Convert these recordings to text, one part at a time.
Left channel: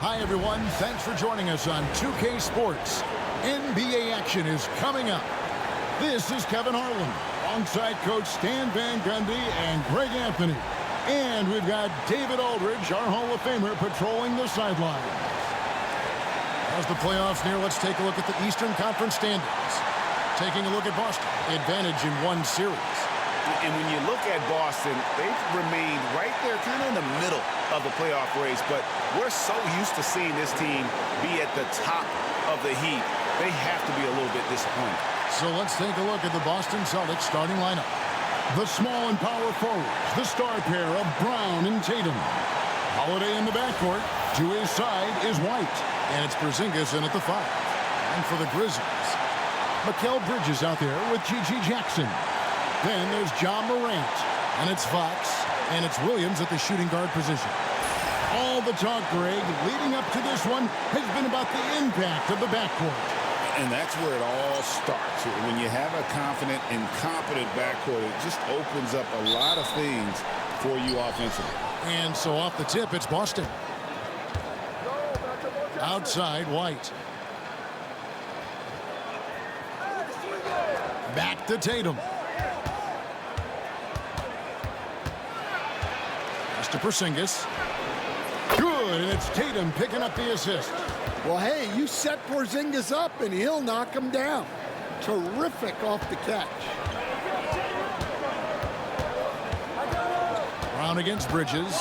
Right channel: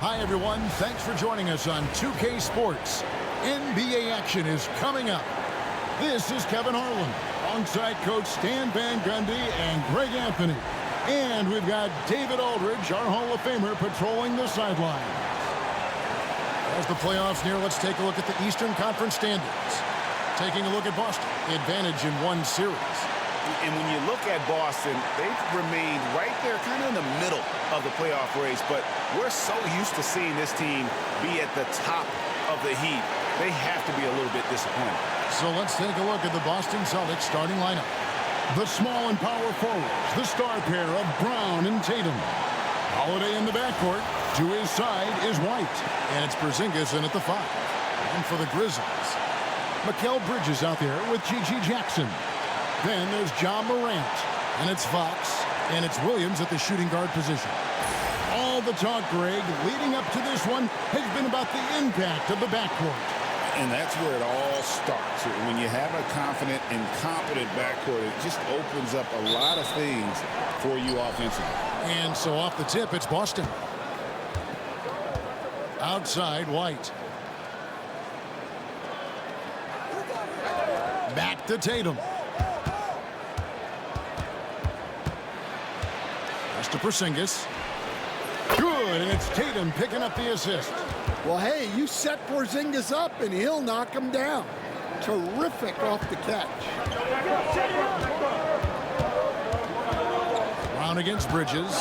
Hi, everyone. Thanks for joining us on 2K Sports. NBA action is coming up. This is Kevin Harlan, alongside Coach Stan Van Gundy and Greg Anthony. And we've got David Aldridge, our Hall of Famer, patrolling the sidelines. As the playoffs near, let's take a look at the Eastern Conference standings. Taking a look at Boston, advantage in one series. And when you look at Boston, they've remained right there kind of in the middle of the playoff race. But we're so used to seeing this team be at the top of the heap. They have to be a little bit disappointed. So let's take a look at the Boston Celtics starting lineup. The small and power forwards, the star pair of Brown and Tatum. Holiday in the backcourt. To his side is White. And it's Porzingis in at the 5. And for the Grizzlies, Mikal Bridges out there with G.G. Jackson. Then there's John Morant, and it's Fox, and it's Williams at the shooting guard position. All the talk, Greg, leading up to this one has been about the impact of the backcourt. And that's where it all starts. When you have a confident and competent backcourt, it just opens up a lot of things for you offensively. And so off the tip, it's Boston. Outside, White. Back to Tatum. To Porzingis. Good, and it's Tatum picking up the assist. Well, hey, you set Porzingis up, and he'll knock him down. Terrific off the catch. Brown against Bridges.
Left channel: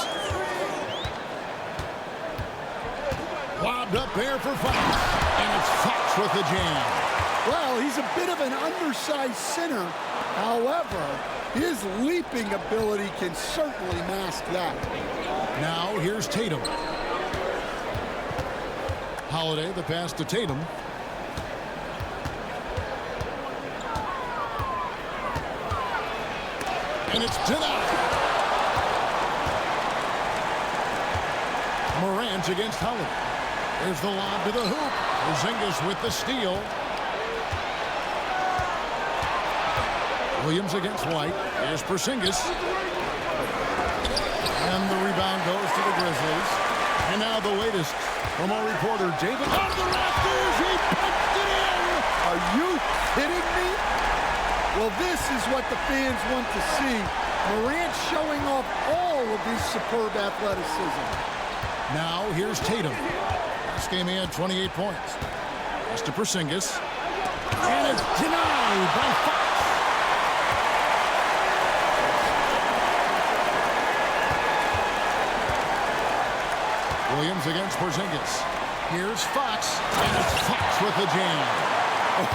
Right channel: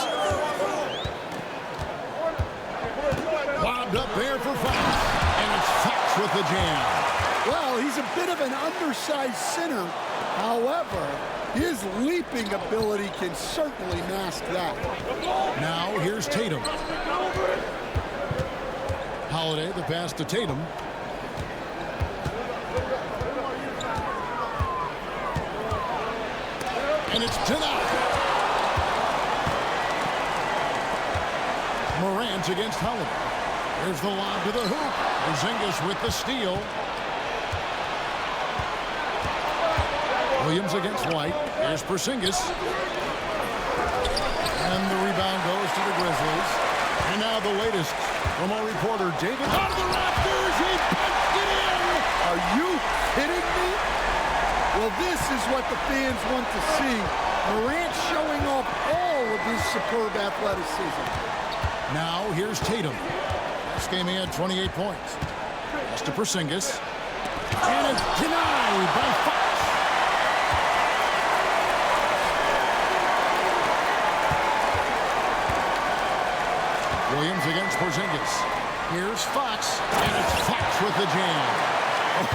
Lobbed up there for Fox, and it's Fox with the jam. Well, he's a bit of an undersized center. However, his leaping ability can certainly mask that. Now here's Tatum. Holiday, the pass to Tatum. And it's denied. Morant against Holiday. There's the lob to the hoop. Porzingis with the steal. Williams against White. Here's Porzingis. And the rebound goes to the Grizzlies. And now the latest from our reporter, David. Out of the rafters, he punched it in! Are you kidding me? Well, this is what the fans want to see. Morant showing off all of his superb athleticism. Now here's Tatum. Last game he had 28 points. Pass to Porzingis. And it's denied by Fox. Williams against Porzingis. Here's Fox, and it's Fox with the jam. Oh,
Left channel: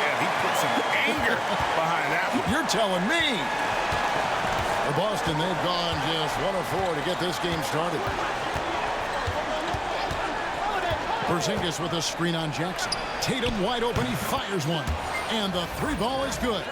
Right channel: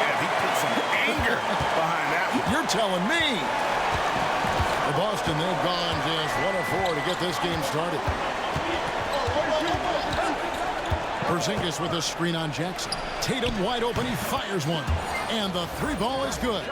yeah, he put some anger behind that one. You're telling me. For Boston, they've gone just 1 of 4 to get this game started. Porzingis with a screen on Jackson. Tatum wide open, he fires one. And the 3-ball is good.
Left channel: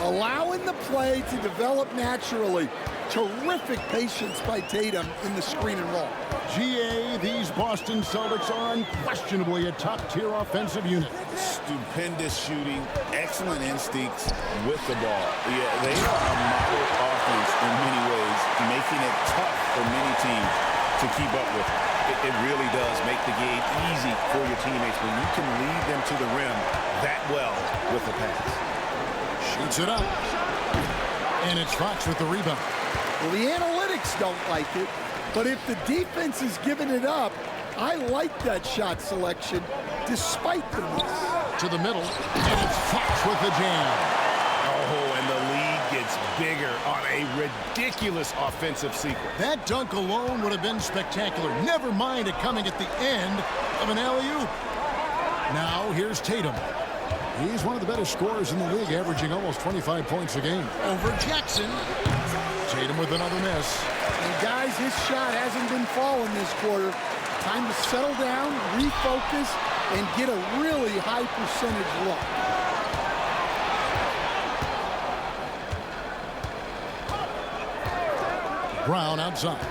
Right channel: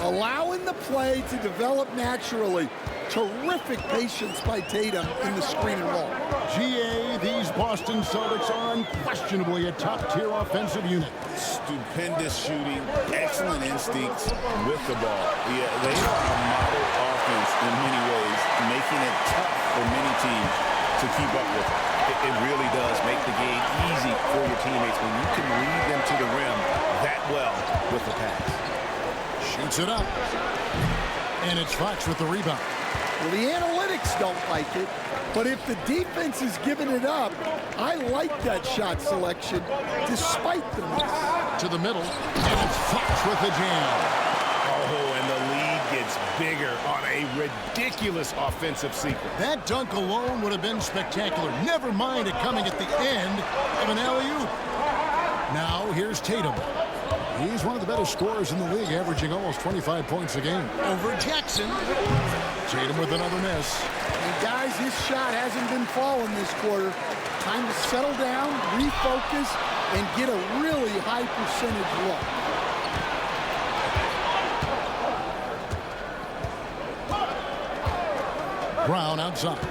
Allowing the play to develop naturally. Terrific patience by Tatum in the screen and roll. GA, these Boston Celtics are unquestionably a top-tier offensive unit. Stupendous shooting, excellent instincts with the ball. Yeah, they are a model offense in many ways, making it tough for many teams to keep up with them. It really does make the game easy for your teammates when you can lead them to the rim that well with the pass. Shoots it up. And it's Fox with the rebound. Well, the analytics don't like it, but if the defense is giving it up, I like that shot selection despite the miss. To the middle, and it's Fox with the jam. Oh, and the lead gets bigger on a ridiculous offensive sequence. That dunk alone would have been spectacular. Never mind it coming at the end of an alley-oop. Now here's Tatum. He's one of the better scorers in the league, averaging almost 25 points a game. Over Jackson. Tatum with another miss. And guys, his shot hasn't been falling this quarter. Time to settle down, refocus, and get a really high percentage look. Brown outside.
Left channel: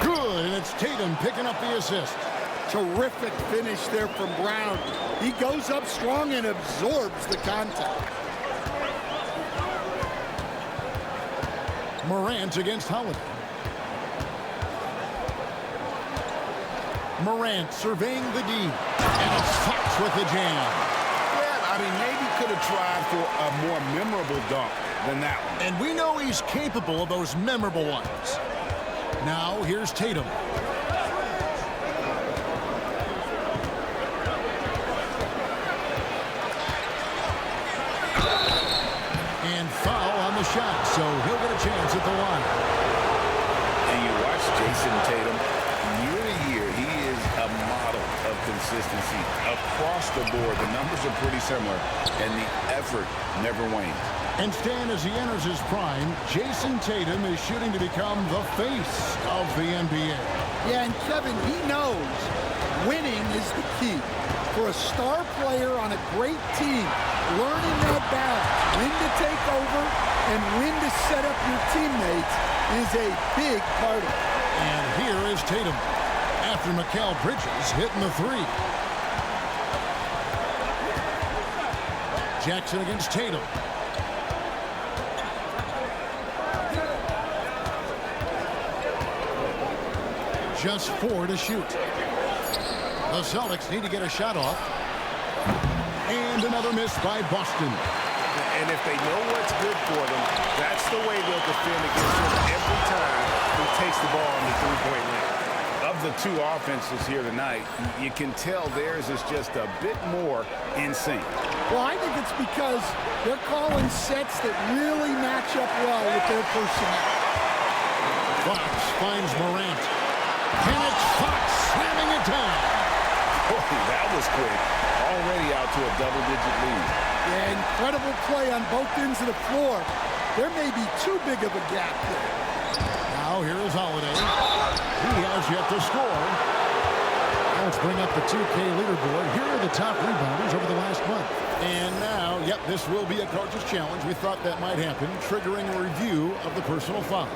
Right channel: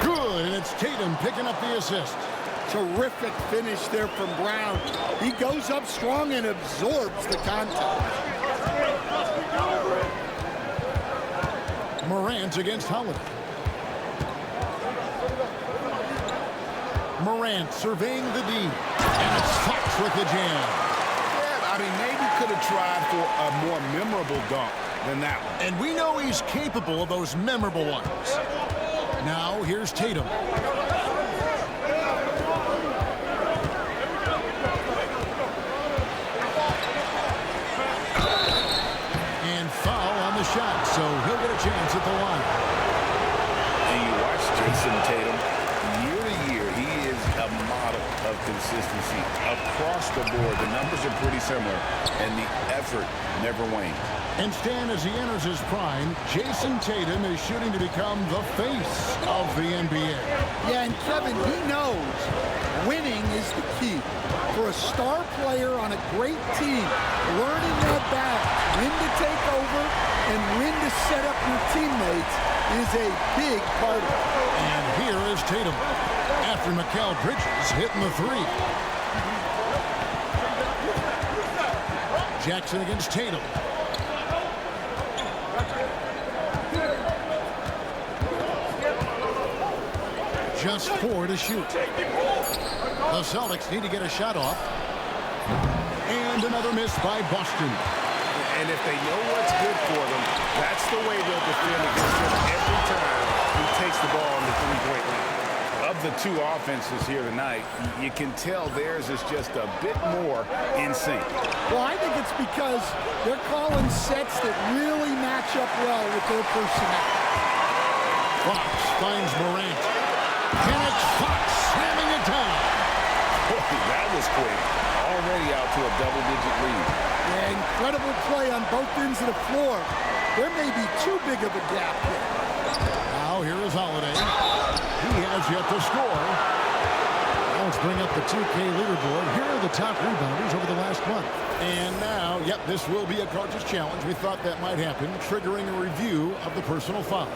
Good, and it's Tatum picking up the assist. Terrific finish there from Brown. He goes up strong and absorbs the contact. Morant against Holiday. Morant surveying the D. And it's Fox with the jam. Yeah, I mean, maybe could have tried for a more memorable dunk than that one. And we know he's capable of those memorable ones. Now, here's Tatum. And foul on the shot, so he'll get a chance at the line. And you watch Jason Tatum, year to year, he is a model of consistency. Across the board, the numbers are pretty similar, and the effort never wanes. And Stan, as he enters his prime, Jason Tatum is shooting to become the face of the NBA. Yeah, and Kevin, he knows winning is the key. For a star player on a great team, learning that balance, when to take over and when to set up your teammates is a big part of it. And here is Tatum after Mikal Bridges hitting the three. Jackson against Tatum. Just 4 to shoot. The Celtics need to get a shot off. And another miss by Boston. And if they know what's good for them, that's the way they'll defend against him every time he takes the ball in the three-point lane. Of the two offenses here tonight, you can tell theirs is just a bit more in sync. Well, I think it's because they're calling sets that really match up well with their personnel. Fox finds Morant. And it's Fox slamming it down. Boy, that was quick. Already out to a double-digit lead. Yeah, incredible play on both ends of the floor. There may be too big of a gap here. Now here is Holiday. He has yet to score. Now let's bring up the 2K leaderboard. Here are the top rebounders over the last month. And now, yep, this will be a coach's challenge. We thought that might happen, triggering a review of the personal foul.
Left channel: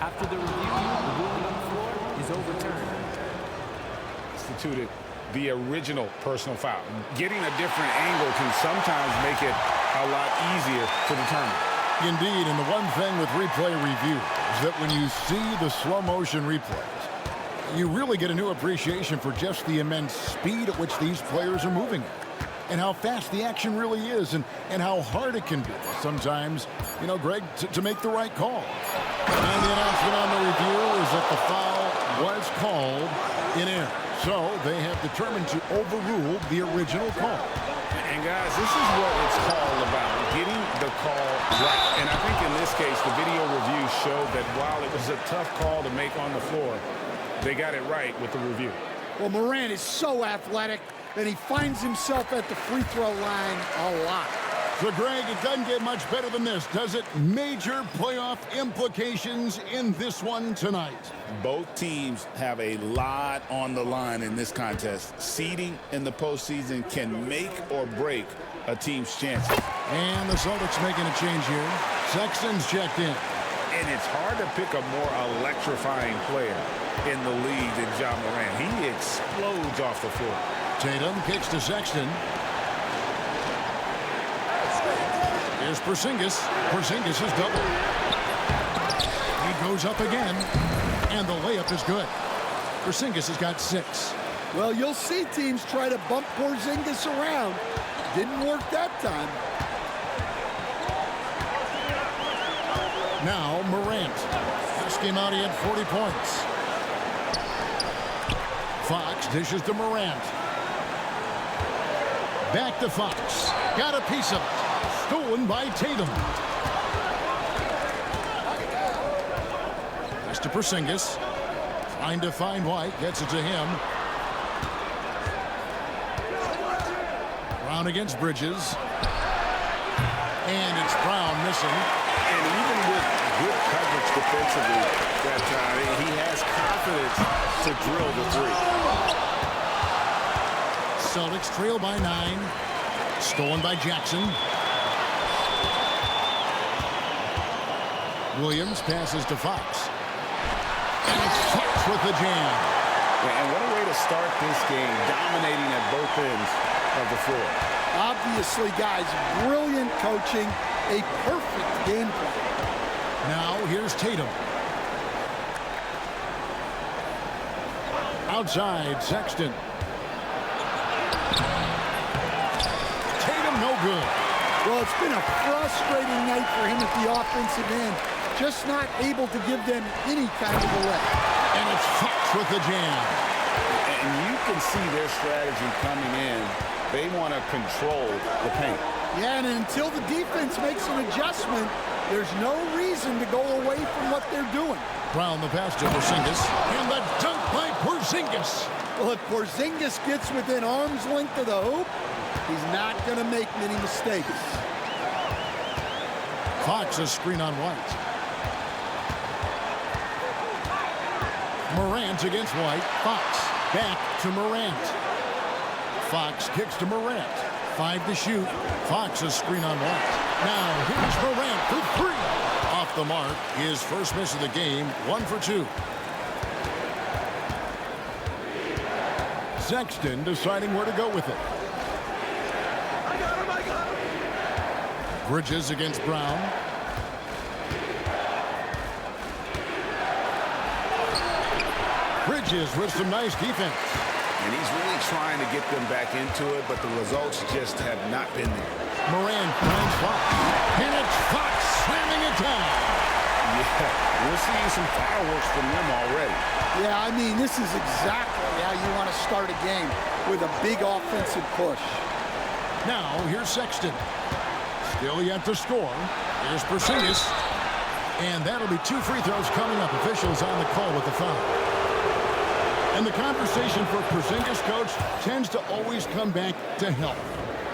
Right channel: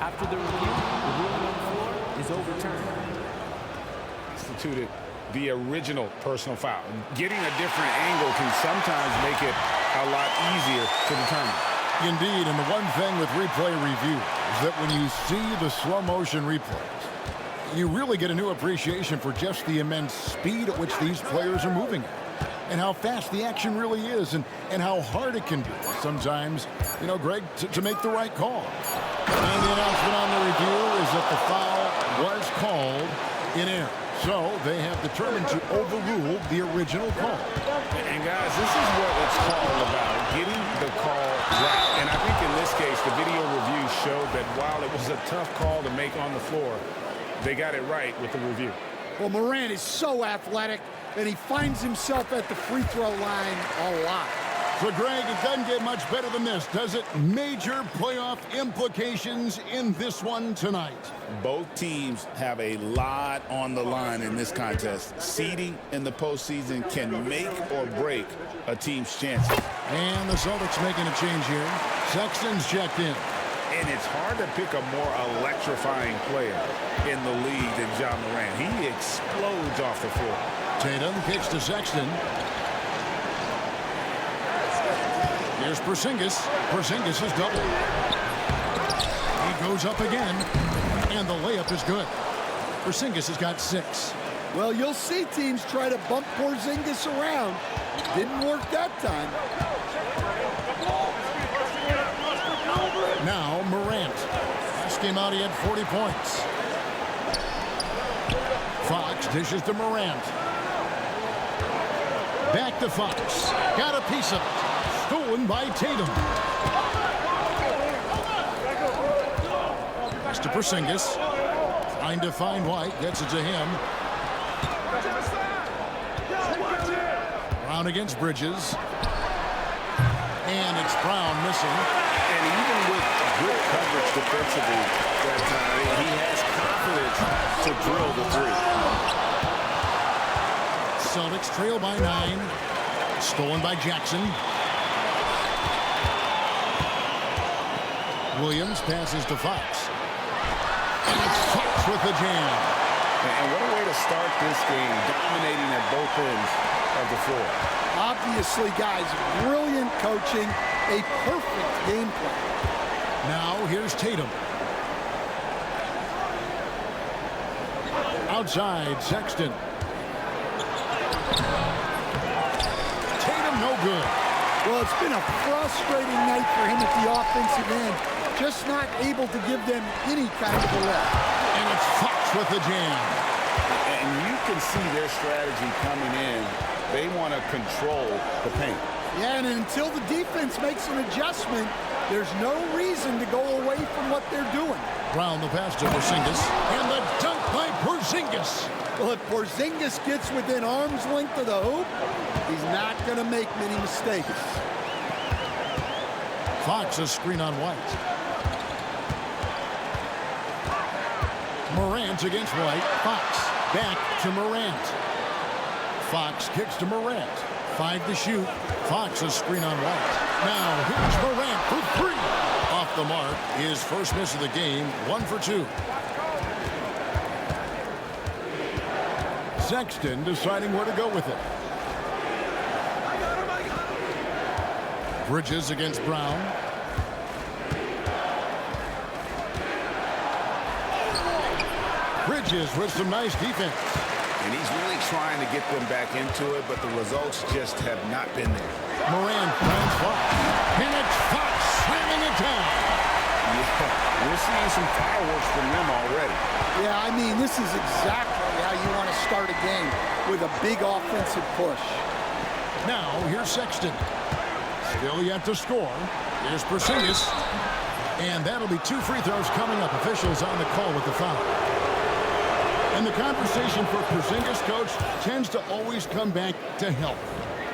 After the review, the ruling on the floor is overturned. Instituted the original personal foul. Getting a different angle can sometimes make it a lot easier to determine. Indeed, and the one thing with replay review is that when you see the slow motion replays, you really get a new appreciation for just the immense speed at which these players are moving at, and how fast the action really is, and how hard it can be sometimes, you know, Greg, to make the right call. And the announcement on the review is that the foul was called in error. So they have determined to overrule the original call. And guys, this is what it's all about, getting the call right. And I think in this case, the video review showed that while it was a tough call to make on the floor, they got it right with the review. Well, Morant is so athletic, and he finds himself at the free throw line a lot. So, Greg, it doesn't get much better than this, does it? Major playoff implications in this one tonight. Both teams have a lot on the line in this contest. Seeding in the postseason can make or break a team's chances. And the Celtics making a change here. Sexton's checked in. And it's hard to pick a more electrifying player in the league than Ja Morant. He explodes off the floor. Tatum kicks to Sexton. Here's Porzingis. Porzingis is double. He goes up again, and the layup is good. Porzingis has got 6. Well, you'll see teams try to bump Porzingis around. Didn't work that time. Now Morant. Last game out, he had 40 points. Fox dishes to Morant. Back to Fox. Got a piece of it. Stolen by Tatum. Pass to Porzingis. Trying to find White. Gets it to him. Brown against Bridges. And it's Brown missing. And even with good coverage defensively that time, he has confidence to drill the three. Celtics trail by 9. Stolen by Jackson. Williams passes to Fox. And it's Fox with the jam. And what a way to start this game, dominating at both ends of the floor. Obviously, guys, brilliant coaching, a perfect game plan. Now here's Tatum. Outside, Sexton. Tatum, no good. Well, it's been a frustrating night for him at the offensive end. Just not able to give them any kind of a lift. And it's Fox with the jam. And you can see their strategy coming in. They want to control the paint. Yeah, and until the defense makes an adjustment, there's no reason to go away from what they're doing. Brown the pass to Porzingis. And the dunk by Porzingis. Well, if Porzingis gets within arm's length of the hoop, he's not going to make many mistakes. Fox a screen on White. Morant against White. Fox back to Morant. Fox kicks to Morant. 5 to shoot. Fox a screen on White. Now here's Morant for 3. Off the mark. His first miss of the game. 1 for 2. Sexton deciding where to go with it. I got him. Bridges against Brown. Bridges with some nice defense. And he's really trying to get them back into it, but the results just have not been there. Morant finds Fox. And it's Fox slamming it down. Yeah, we're seeing some fireworks from them already. Yeah, I mean, this is exactly how you want to start a game, with a big offensive push. Now, here's Sexton. Still yet to score. Here's Porzingis. And that'll be 2 free throws coming up. Officials on the call with the foul. And the conversation for Porzingis, coach, tends to always come back to health.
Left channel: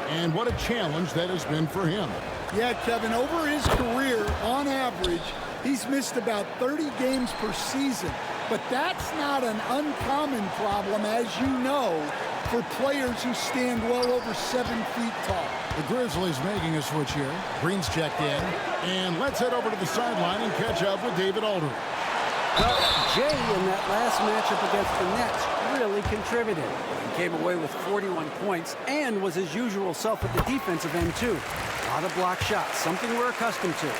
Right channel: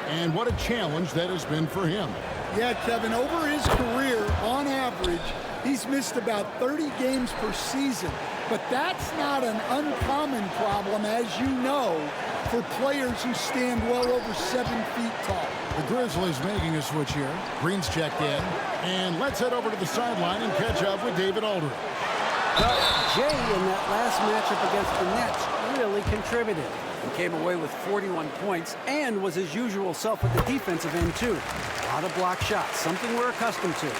And what a challenge that has been for him. Yeah, Kevin, over his career, on average, he's missed about 30 games per season. But that's not an uncommon problem, as you know, for players who stand well over 7 feet tall. The Grizzlies making a switch here. Green's checked in. And let's head over to the sideline and catch up with David Aldridge. Well, Jay, in that last matchup against the Nets, really contributed. He came away with 41 points and was his usual self at the defensive end, too. A lot of block shots, something we're accustomed to.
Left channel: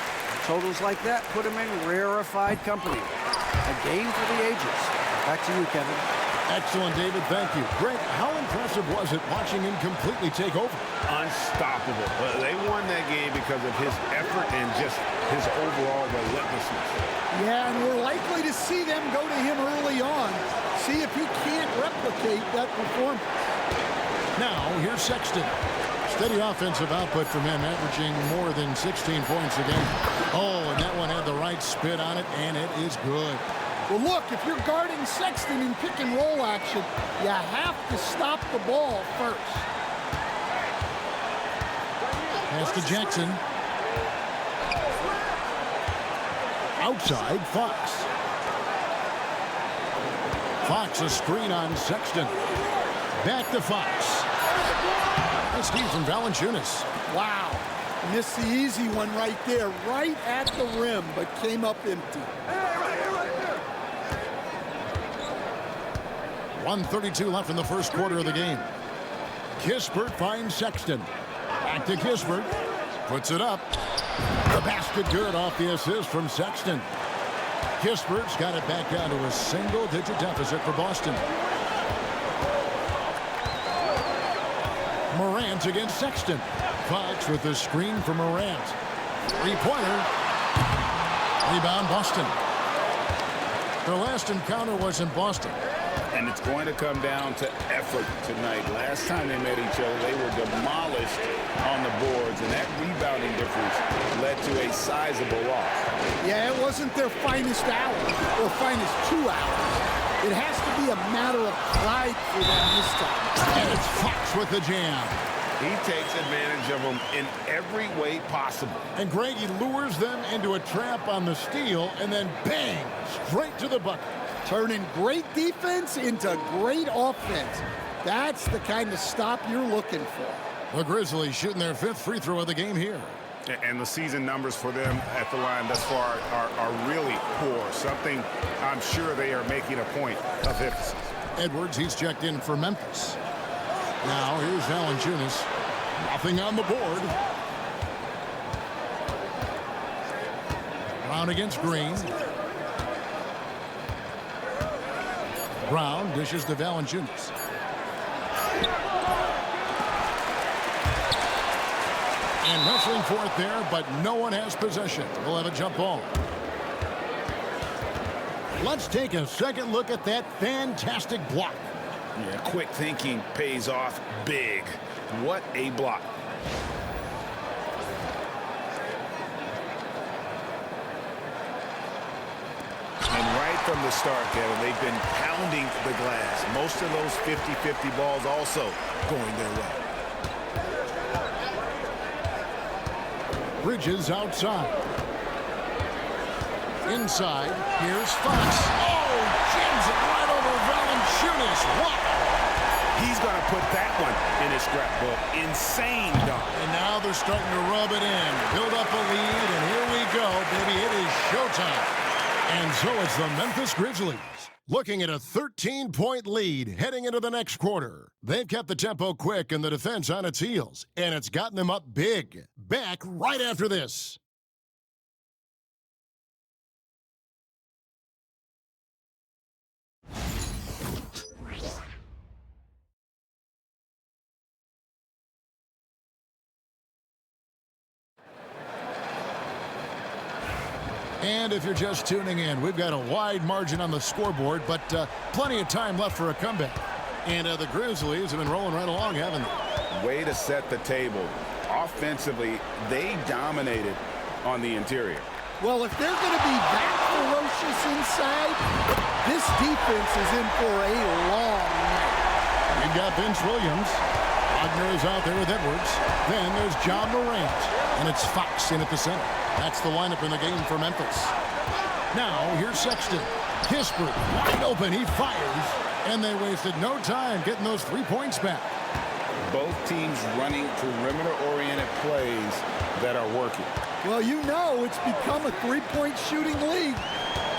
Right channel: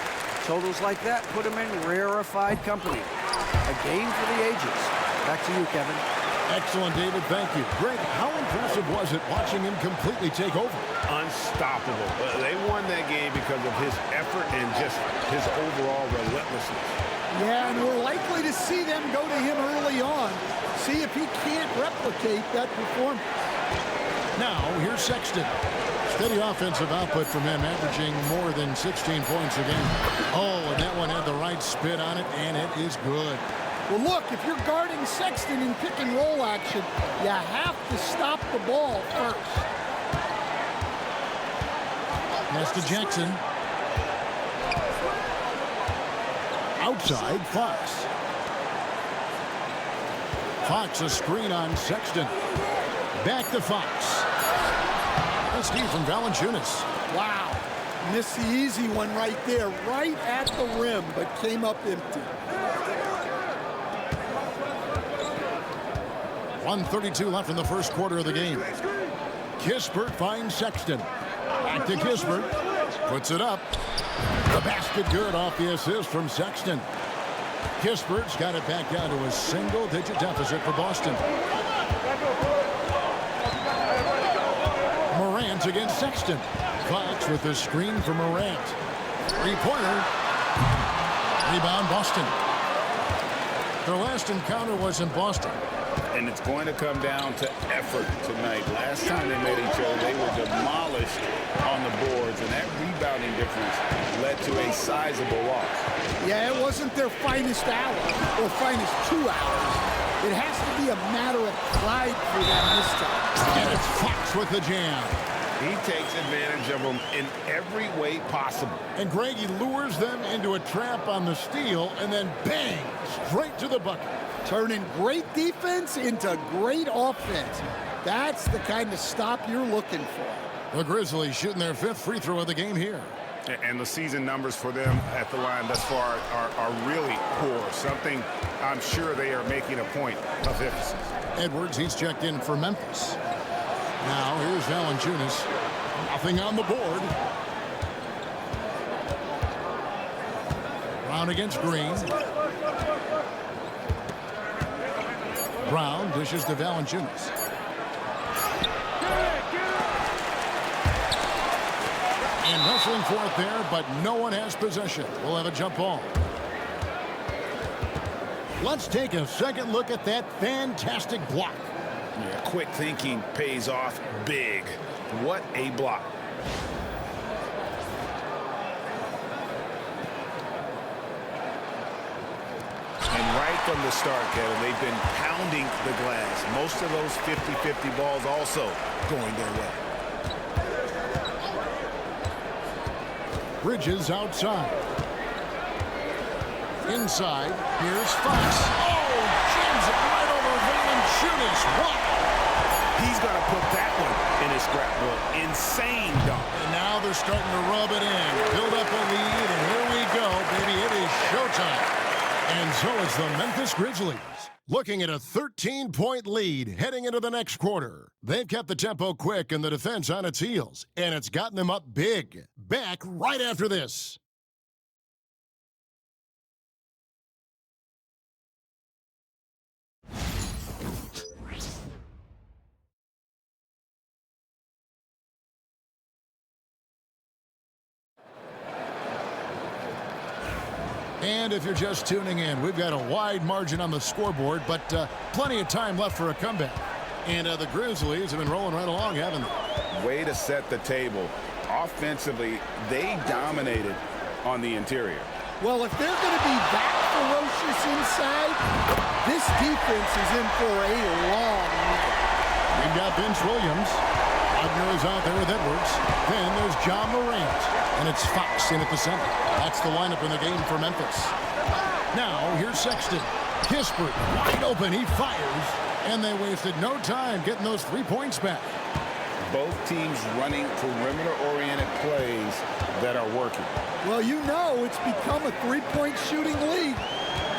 Totals like that put him in rarefied company. A game for the ages. Back to you, Kevin. Excellent, David. Thank you. Greg, how impressive was it watching him completely take over? Unstoppable. They won that game because of his effort and just his overall relentlessness. Yeah, and we're likely to see them go to him early on, see if he can't replicate that performance. Now, here's Sexton. Steady offensive output from him, averaging more than 16 points a game. Oh, and that one had the right spin on it, and it is good. Well, look, if you're guarding Sexton in pick-and-roll action, you have to stop the ball first. Pass to Jackson. Outside, Fox. Fox a screen on Sexton. Back to Fox. Nice D from Valanciunas. Wow. Missed the easy one right there, right at the rim, but came up empty. 1:32 left in the first quarter of the game. Kispert finds Sexton. Back to Kispert. Puts it up. The basket good off the assist from Sexton. Kispert's got it back down to a single-digit deficit for Boston. Morant against Sexton. Fox with the screen for Morant. Three-pointer. Rebound, Boston. Their last encounter was in Boston. And it's going to come down to effort tonight. Last time they met each other, they were demolished on the boards, and that rebounding difference led to a sizable loss. Yeah, it wasn't their finest hour or finest 2 hours. It has to be a matter of pride for them this time. And it's Fox with the jam. He takes advantage of them in every way possible. And Greg, he lures them into a trap on the steal, and then bang, straight to the bucket. Turning great defense into great offense. That's the kind of stop you're looking for. The Grizzlies shooting their 5th free throw of the game here. And the season numbers for them at the line thus far are really poor. Something I'm sure they are making a point of emphasis. Edwards, he's checked in for Memphis. Now here's Valanciunas. Nothing on the board. Brown against Green. Brown dishes to Valanciunas. And wrestling for it there, but no one has possession. We'll have a jump ball. Let's take a second look at that fantastic block. Yeah, quick thinking pays off big. What a block. And right from the start, Kevin, they've been pounding the glass. Most of those 50-50 balls also going their way. Bridges outside. Inside, here's Fox. Oh, jams it right over Valanciunas. Wow. He's going to put that one in his scrapbook. Insane dunk. And now they're starting to rub it in. Build up a lead, and here we go, baby. It is showtime. And so it's the Memphis Grizzlies looking at a 13-point lead heading into the next quarter. They've kept the tempo quick and the defense on its heels, and it's gotten them up big. Back right after this. And if you're just tuning in, we've got a wide margin on the scoreboard, but plenty of time left for a comeback. And the Grizzlies have been rolling right along, haven't they? Way to set the table. Offensively, they dominated on the interior. Well, if they're going to be that ferocious inside, this defense is in for a long night. We've got Vince Williams. Wagner is out there with Edwards. Then there's John Morant. And it's Fox in at the center. That's the lineup in the game for Memphis. Now, here's Sexton. Kispert, wide open. He fires. And they wasted no time getting those 3 points back. Both teams running perimeter-oriented plays that are working. Well, you know it's become a three-point shooting league.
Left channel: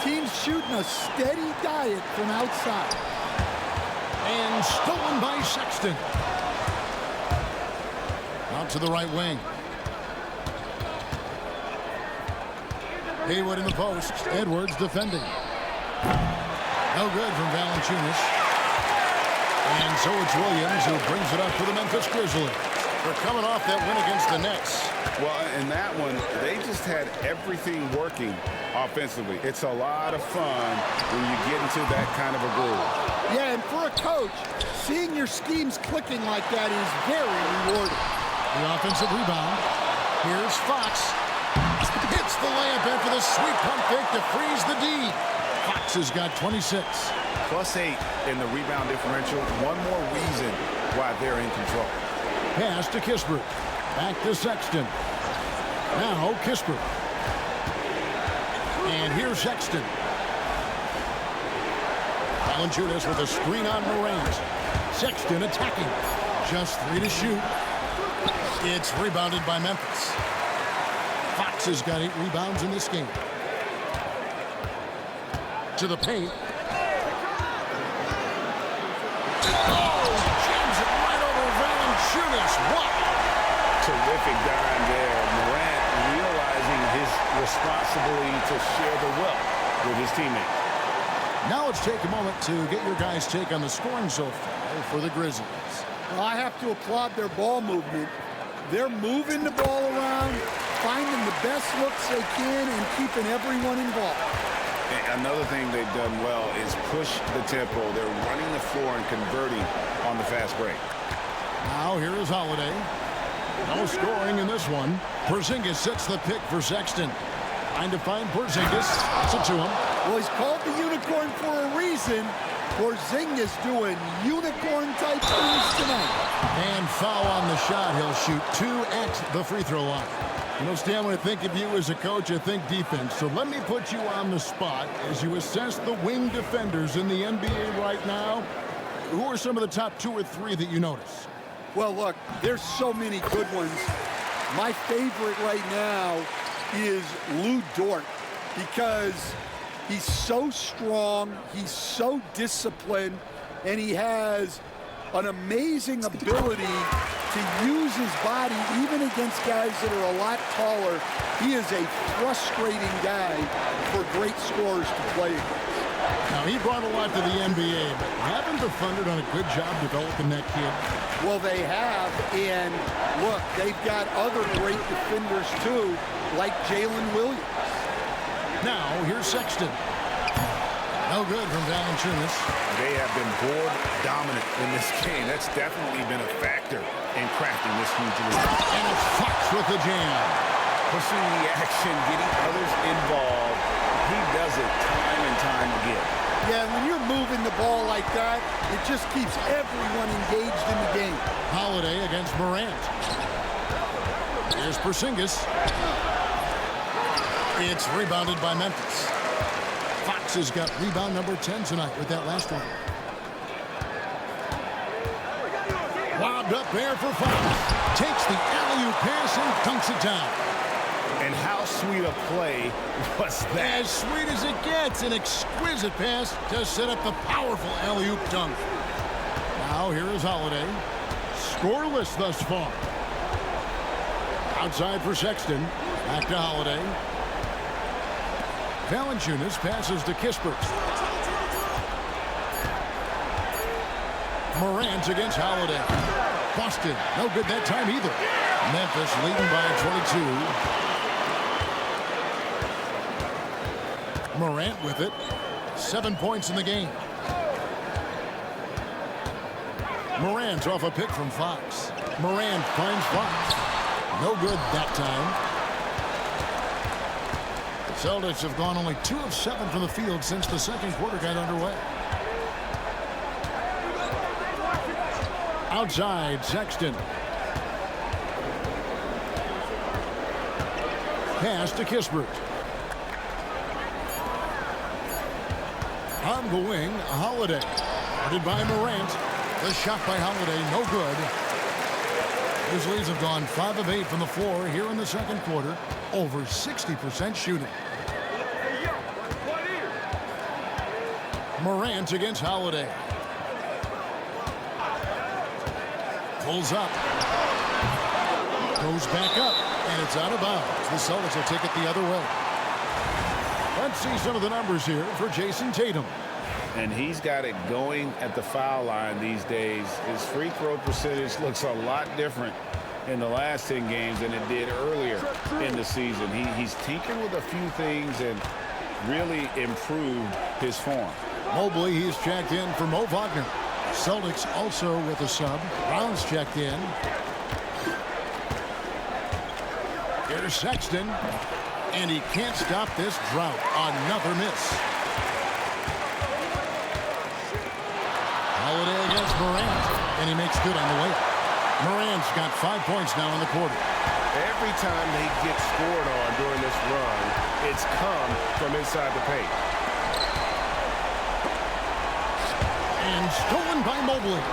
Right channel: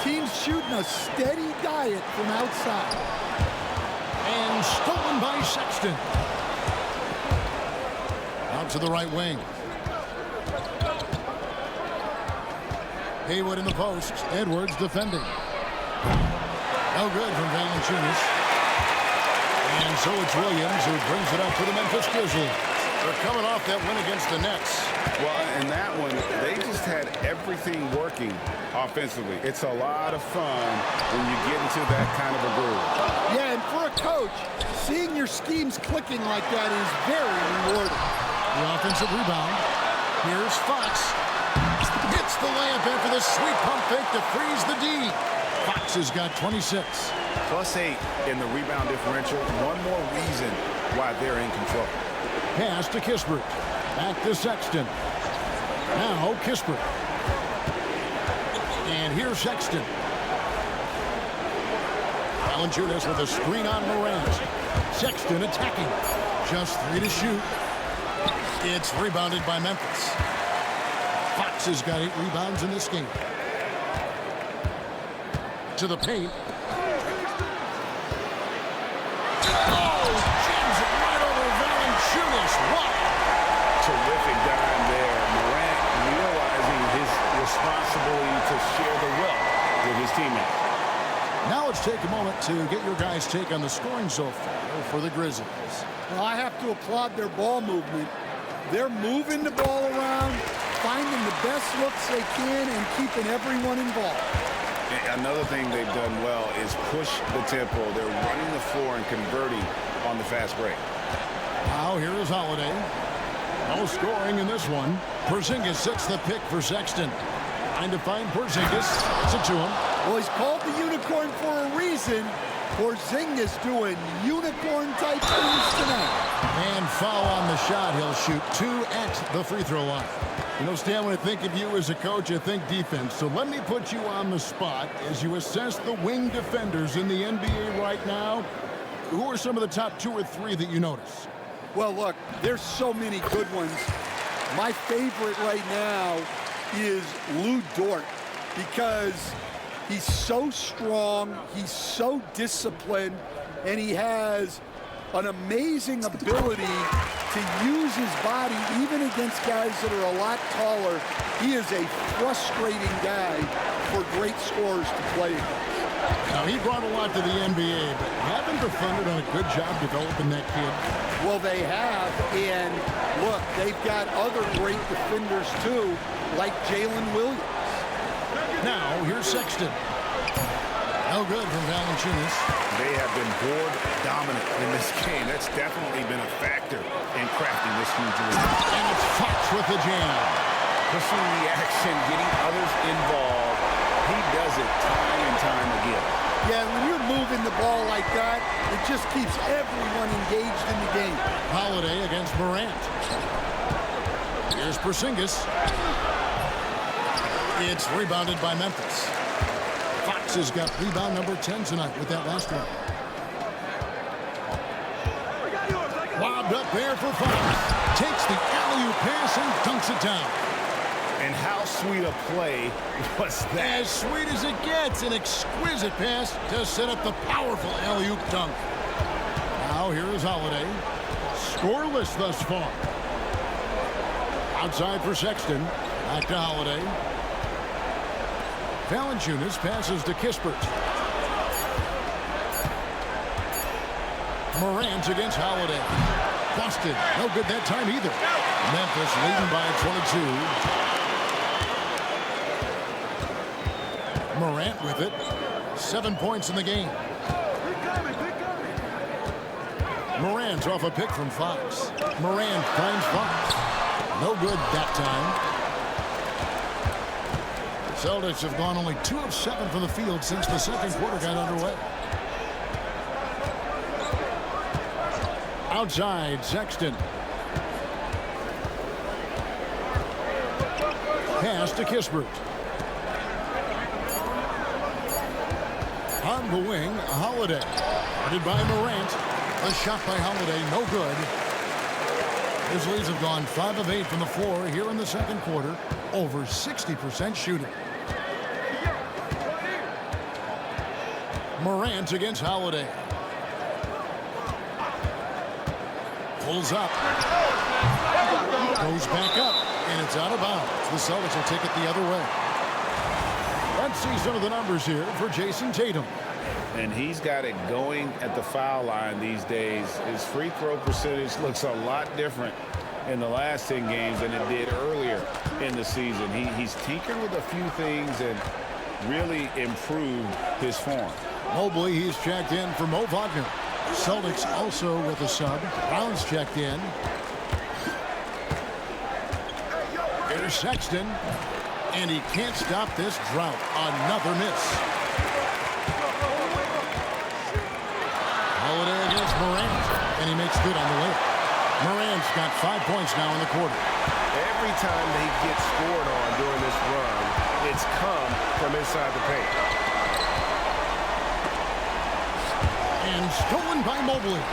Teams shooting a steady diet from outside. And stolen by Sexton. Out to the right wing. Haywood in the post. Edwards defending. No good from Valanciunas. And so it's Williams who brings it up for the Memphis Grizzlies. They're coming off that win against the Nets. Well, in that one, they just had everything working offensively. It's a lot of fun when you get into that kind of a groove. Yeah, and for a coach, seeing your schemes clicking like that is very rewarding. The offensive rebound. Here's Fox. Hits the layup after the sweet pump fake to freeze the D. Fox has got 26. +8 in the rebound differential. One more reason why they're in control. Pass to Kispert. Back to Sexton. Now Kispert. And here's Sexton. Valanciunas with a screen on Morant. Sexton attacking. Just 3 to shoot. It's rebounded by Memphis. Fox has got 8 rebounds in this game. To the paint. Oh, jams it right over Valanciunas. Wow. Terrific dime there. Morant realizing his responsibility to share the wealth with his teammates. Now let's take a moment to get your guys' take on the scoring so far for the Grizzlies. Well, I have to applaud their ball movement. They're moving the ball around, finding the best looks they can, and keeping everyone involved. Another thing they've done well is push the tempo. They're running the floor and converting on the fast break. Now here is Holiday. No scoring in this one. Porzingis sets the pick for Sexton. Trying to find Porzingis. Gets it to him. Well, he's called the unicorn for a reason. Porzingis doing unicorn-type things tonight. And foul on the shot. He'll shoot 2 at the free throw line. You know, Stan, when I think of you as a coach, I think defense. So let me put you on the spot as you assess the wing defenders in the NBA right now. Who are some of the top 2 or 3 that you notice? Well, look, there's so many good ones. My favorite right now is Lou Dort because he's so strong, he's so disciplined, and he has an amazing ability to use his body even against guys that are a lot taller. He is a frustrating guy for great scorers to play against. Now, he brought a lot to the NBA, but haven't the Thunder done a good job developing that kid? Well, they have, and look, they've got other great defenders too, like Jalen Williams. Now, here's Sexton. No good from Valanciunas. They have been board dominant in this game. That's definitely been a factor in crafting this huge lead. And it's Fox with the jam. Pushing the action, getting others involved. He does it time and time again. Yeah, when you're moving the ball like that, it just keeps everyone engaged in the game. Holiday against Morant. Here's Porzingis. It's rebounded by Memphis. Fox has got rebound number 10 tonight with that last one. Lobbed up there for Fox. Takes the alley-oop pass and dunks it down. And how sweet a play was that? As sweet as it gets, an exquisite pass to set up the powerful alley-oop dunk. Now here is Holiday. Scoreless thus far. Outside for Sexton. Back to Holiday. Valanciunas passes to Kispert. Morant against Holiday. Busted. No good that time either. Memphis leading by 22. Morant with it. 7 points in the game. Morant off a pick from Fox. Morant finds Fox. No good that time. The Celtics have gone only 2 of 7 from the field since the second quarter got underway. Outside, Sexton. Pass to Kispert. On the wing, Holiday. Guarded by Morant. The shot by Holiday, no good. Grizzlies have gone 5 of 8 from the floor here in the second quarter. Over 60% shooting. Morant against Holiday. Pulls up. Goes back up. And it's out of bounds. The Celtics will take it the other way. Let's see some of the numbers here for Jason Tatum. And he's got it going at the foul line these days. His free throw percentage looks a lot different in the last 10 games than it did earlier in the season. He's tinkered with a few things and really improved his form. Mobley, he's checked in for Mo Wagner. Celtics also with a sub. Brown's checked in. Here's Sexton. And he can't stop this drought. Another miss. Holiday against Morant. And he makes good on the layup. Morant's got 5 points now in the quarter. Every time they get scored on during this run, it's come from inside the paint. And stolen by Mobley.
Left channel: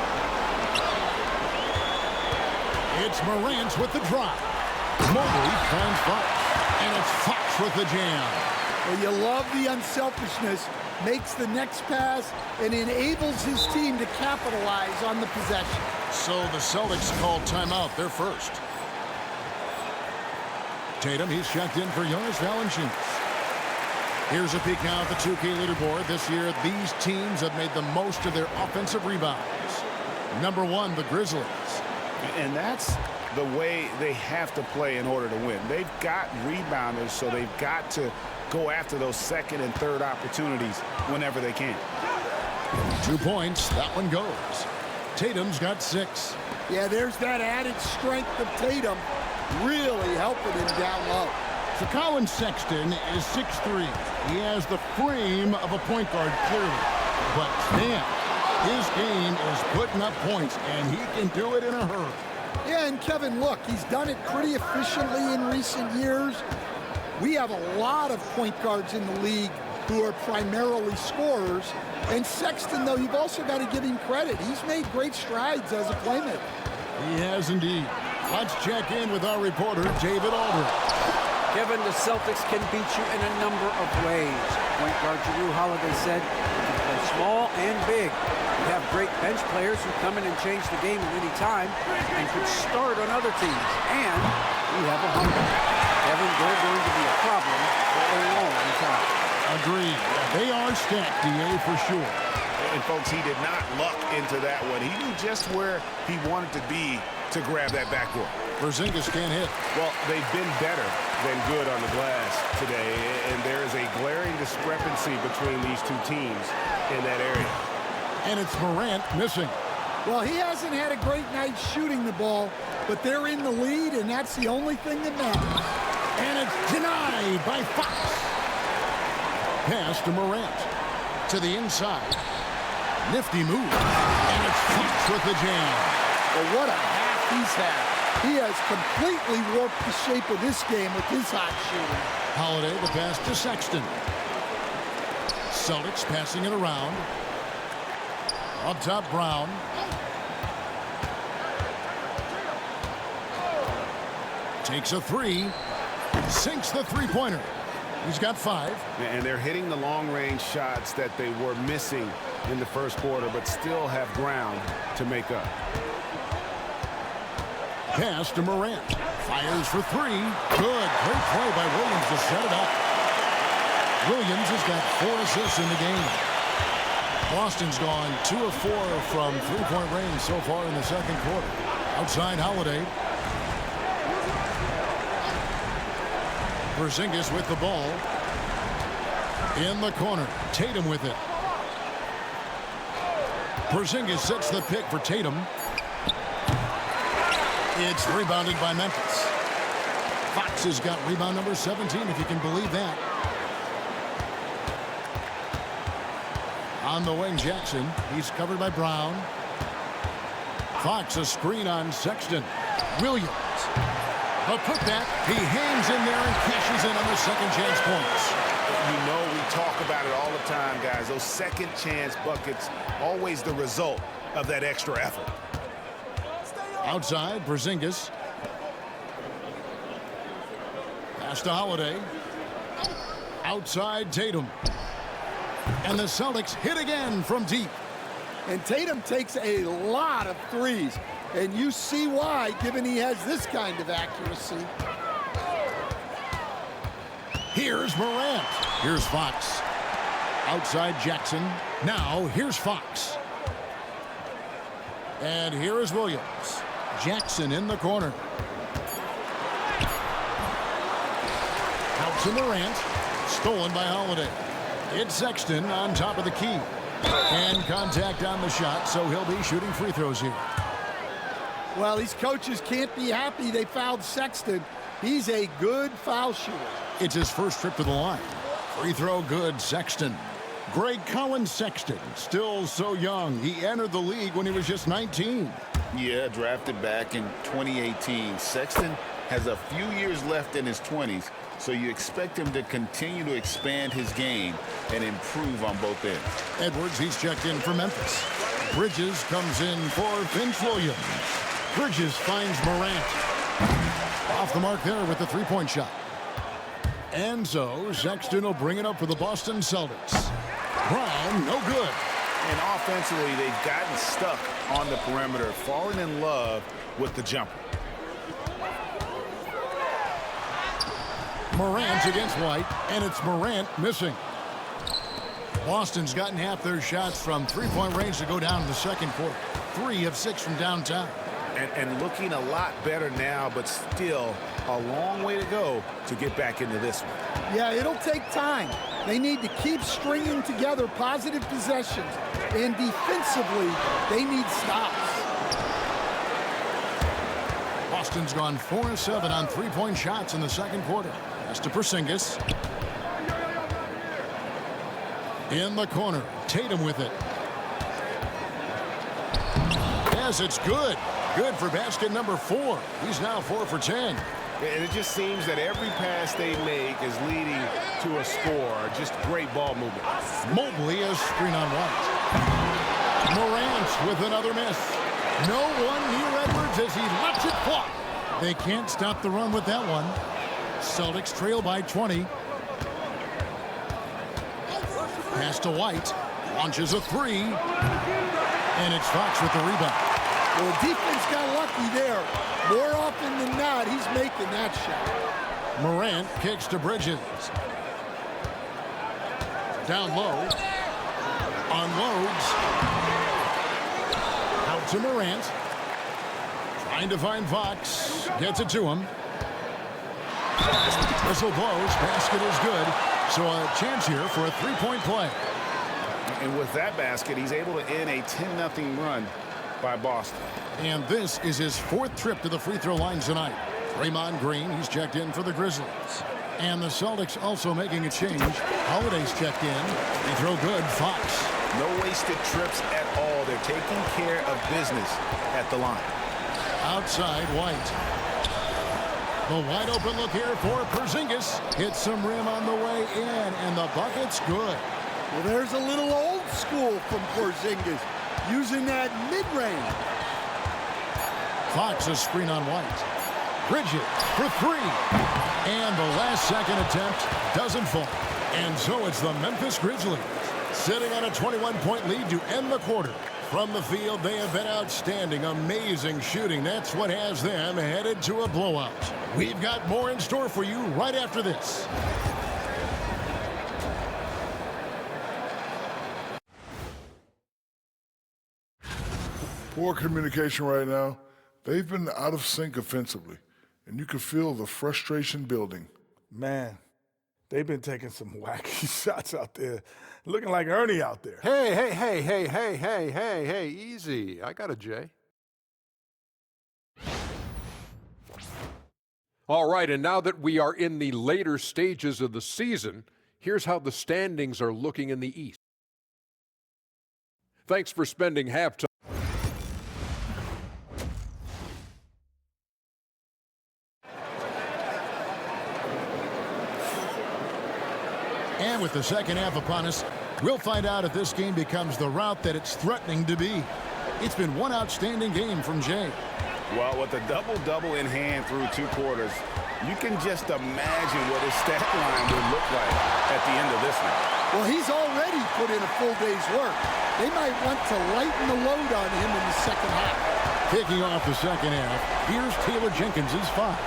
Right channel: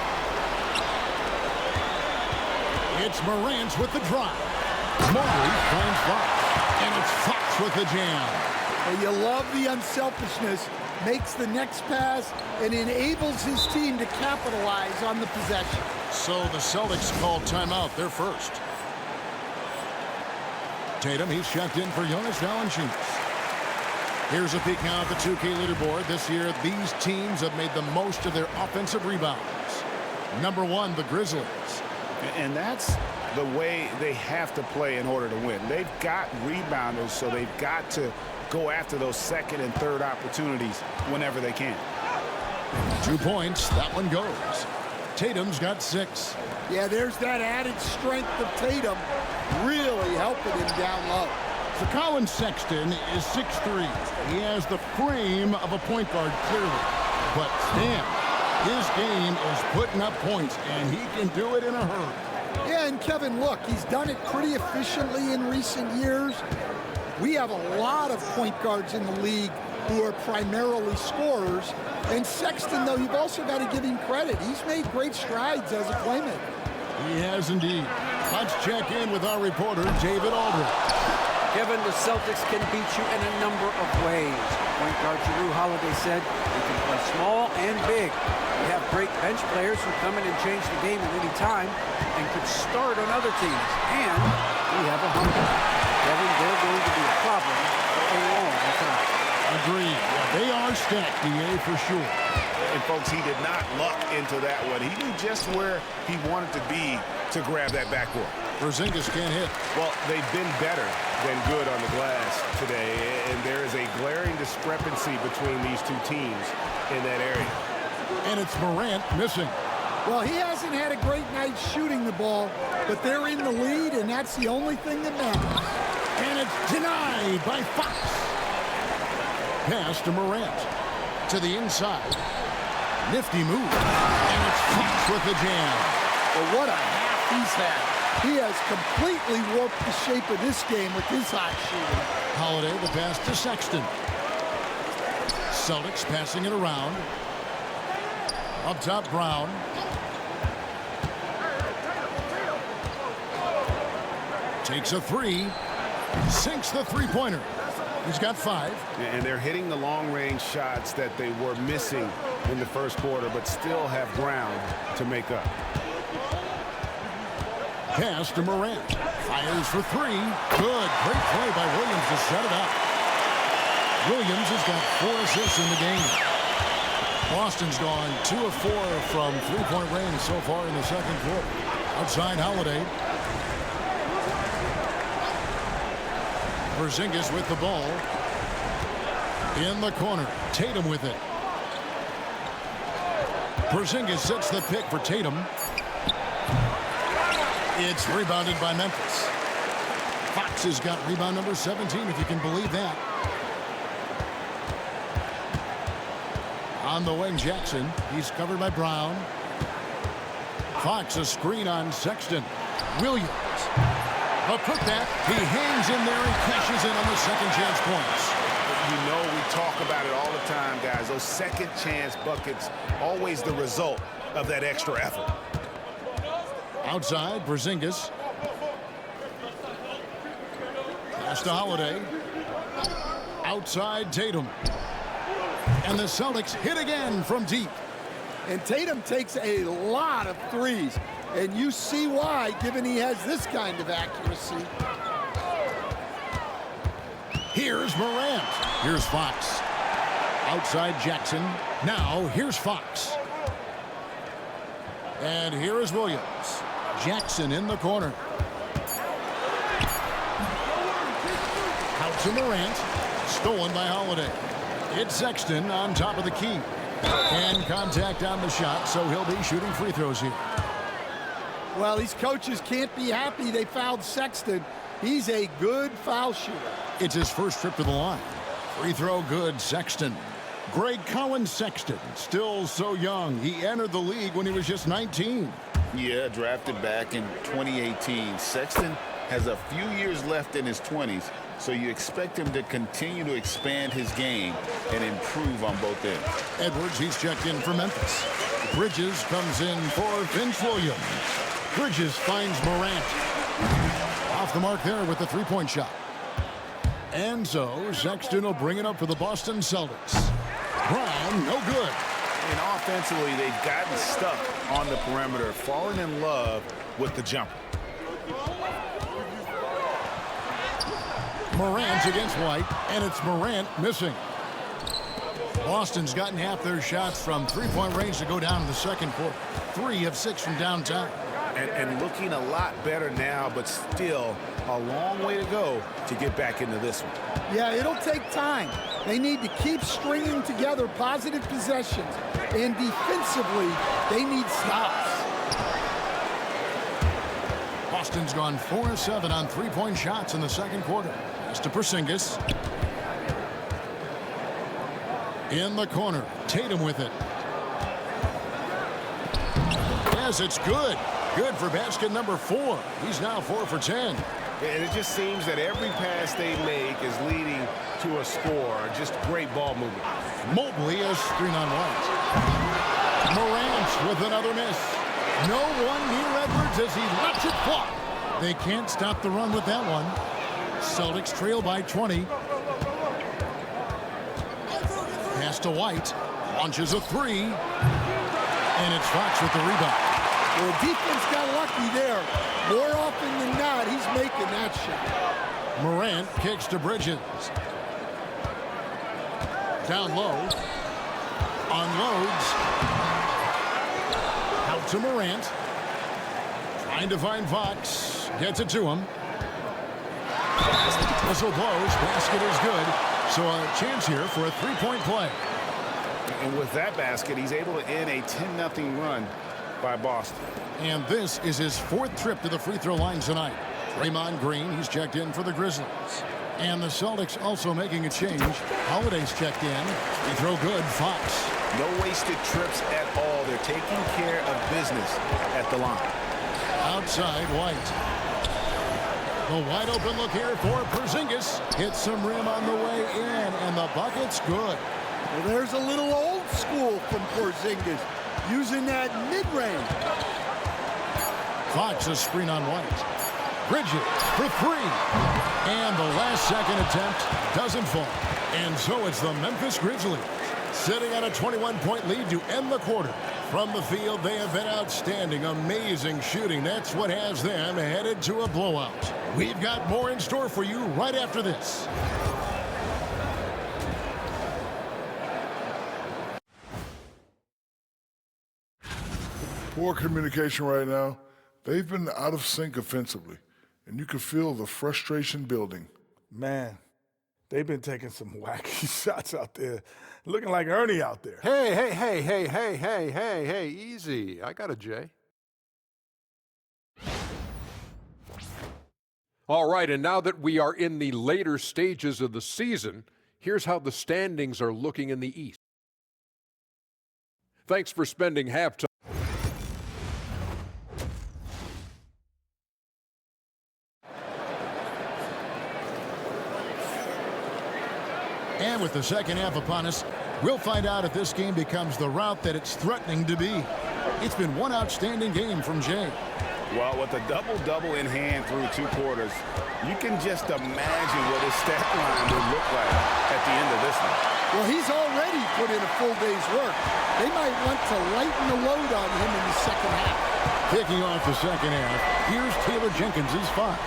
It's Morant with the drive. Mobley finds Fox. And it's Fox with the jam. Well, you love the unselfishness. Makes the next pass and enables his team to capitalize on the possession. So the Celtics called timeout. They're first. Tatum, he's checked in for Jonas Valanciunas. Here's a peek now at the 2K leaderboard. This year, these teams have made the most of their offensive rebounds. Number 1, the Grizzlies. And that's the way they have to play in order to win. They've got rebounders, so they've got to go after those second and third opportunities whenever they can. 2 points. That one goes. Tatum's got 6. Yeah, there's that added strength of Tatum really helping him down low. So Colin Sexton is 6'3". He has the frame of a point guard, clearly. But damn, his game is putting up points, and he can do it in a hurry. Yeah, and Kevin, look, he's done it pretty efficiently in recent years. We have a lot of point guards in the league who are primarily scorers. And Sexton, though, you've also got to give him credit. He's made great strides as a playmaker. He has indeed. Let's check in with our reporter, David Aldridge. Kevin, the Celtics can beat you in a number of ways. Point guard Jrue Holiday said, "We can play small and big. We have great bench players who come in and change the game at any time and could start on other teams. And we have a hunger. Kevin, they're going to be a problem for a long time. Agreed. Yeah, they are stacked, DA, for sure. And, folks, he did not luck into that one. He knew just where he wanted to be to grab that backboard. Porzingis can't hit. Well, they've been better than good on the glass today, and there is a glaring discrepancy between these two teams in that area. And it's Morant missing. Well, he hasn't had a great night shooting the ball, but they're in the lead, and that's the only thing that matters. And it's denied by Fox. Pass to Morant. To the inside. Nifty move. And it's Fox with the jam. Well, what a half he's had. He has completely warped the shape of this game with his hot shooting. Holiday, the pass to Sexton. Celtics passing it around. Up top, Brown. Takes a three. Sinks the three-pointer. He's got 5. And they're hitting the long-range shots that they were missing in the first quarter, but still have ground to make up. Pass to Morant. Fires for 3. Good. Great play by Williams to set it up. Williams has got 4 assists in the game. Boston's gone 2 of 4 from three-point range so far in the second quarter. Outside Holiday. Porzingis with the ball. In the corner. Tatum with it. Porzingis sets the pick for Tatum. It's rebounded by Memphis. Fox has got rebound number 17, if you can believe that. On the wing, Jackson. He's covered by Brown. Fox, a screen on Sexton. Williams. A putback. He hangs in there and cashes in on the second chance points. You know, we talk about it all the time, guys. Those second chance buckets, always the result of that extra effort. Outside, Porzingis. Pass to Holiday. Outside, Tatum. And the Celtics hit again from deep. And Tatum takes a lot of threes. And you see why, given he has this kind of accuracy. Here's Morant. Here's Fox. Outside Jackson. Now here's Fox. And here is Williams. Jackson in the corner. Out to Morant. Stolen by Holiday. It's Sexton on top of the key. And contact on the shot, so he'll be shooting free throws here. Well, these coaches can't be happy they fouled Sexton. He's a good foul shooter. It's his first trip to the line. Free throw good, Sexton. Greg Collins Sexton, still so young. He entered the league when he was just 19. Yeah, drafted back in 2018. Sexton has a few years left in his 20s, so you expect him to continue to expand his game and improve on both ends. Edwards, he's checked in for Memphis. Bridges comes in for Vince Williams. Bridges finds Morant. Off the mark there with the three-point shot. And so Sexton will bring it up for the Boston Celtics. Brown, no good. And offensively, they've gotten stuck on the perimeter, falling in love with the jumper. Morant against White, and it's Morant missing. Boston's gotten half their shots from three-point range to go down in the second quarter. 3 of 6 from downtown. And looking a lot better now, but still a long way to go to get back into this one. Yeah, it'll take time. They need to keep stringing together positive possessions. And defensively, they need stops. Boston's gone 4 of 7 on three-point shots in the second quarter. Pass to Porzingis. In the corner, Tatum with it. Yes, it's good. Good for basket number 4. He's now 4 for 10. And it just seems that every pass they make is leading to a score. Just great ball movement. Mobley a screen on White. Morant with another miss. No one near Edwards as he lets it fly. They can't stop the run with that one. Celtics trail by 20. Pass to White. Launches a three. And it's Fox with the rebound. Well, the defense got lucky there. More often than not, he's making that shot. Morant kicks to Bridges. Down low. Unloads. Out to Morant. Trying to find Fox. Gets it to him. Whistle blows. Basket is good. So a chance here for a three-point play. And with that basket, he's able to end a 10-0 run by Boston. And this is his fourth trip to the free throw line tonight. Draymond Green, he's checked in for the Grizzlies. And the Celtics also making a change. Holiday's checked in. Free throw good. Fox. No wasted trips at all. They're taking care of business at the line. Outside, White. The wide open look here for Porzingis. Hits some rim on the way in, and the bucket's good. Well, there's a little old school from Porzingis, using that mid-range. Fox a screen on White. Bridges for three. And the last second attempt doesn't fall. And so it's the Memphis Grizzlies sitting on a 21-point lead to end the quarter. From the field, they have been outstanding. Amazing shooting. That's what has them headed to a blowout. We've got more in store for you right after this. Poor communication right now. They've been out of sync offensively, and you can feel the frustration building. Man, they've been taking some wacky shots out there, looking like Ernie out there. Hey, easy. I got a J. All right, and now that we are in the later stages of the season, here's how the standings are looking in the East. Thanks for spending halftime. And with the second half upon us, we'll find out if this game becomes the route that it's threatening to be. It's been one outstanding game from Jay. Well, with a double-double in hand through two quarters, you can just imagine what his stat line would look like at the end of this one. Well, he's already put in a full day's work. They might want to lighten the load on him in the second half. Kicking off the second half, here's Taylor Jenkins' 5.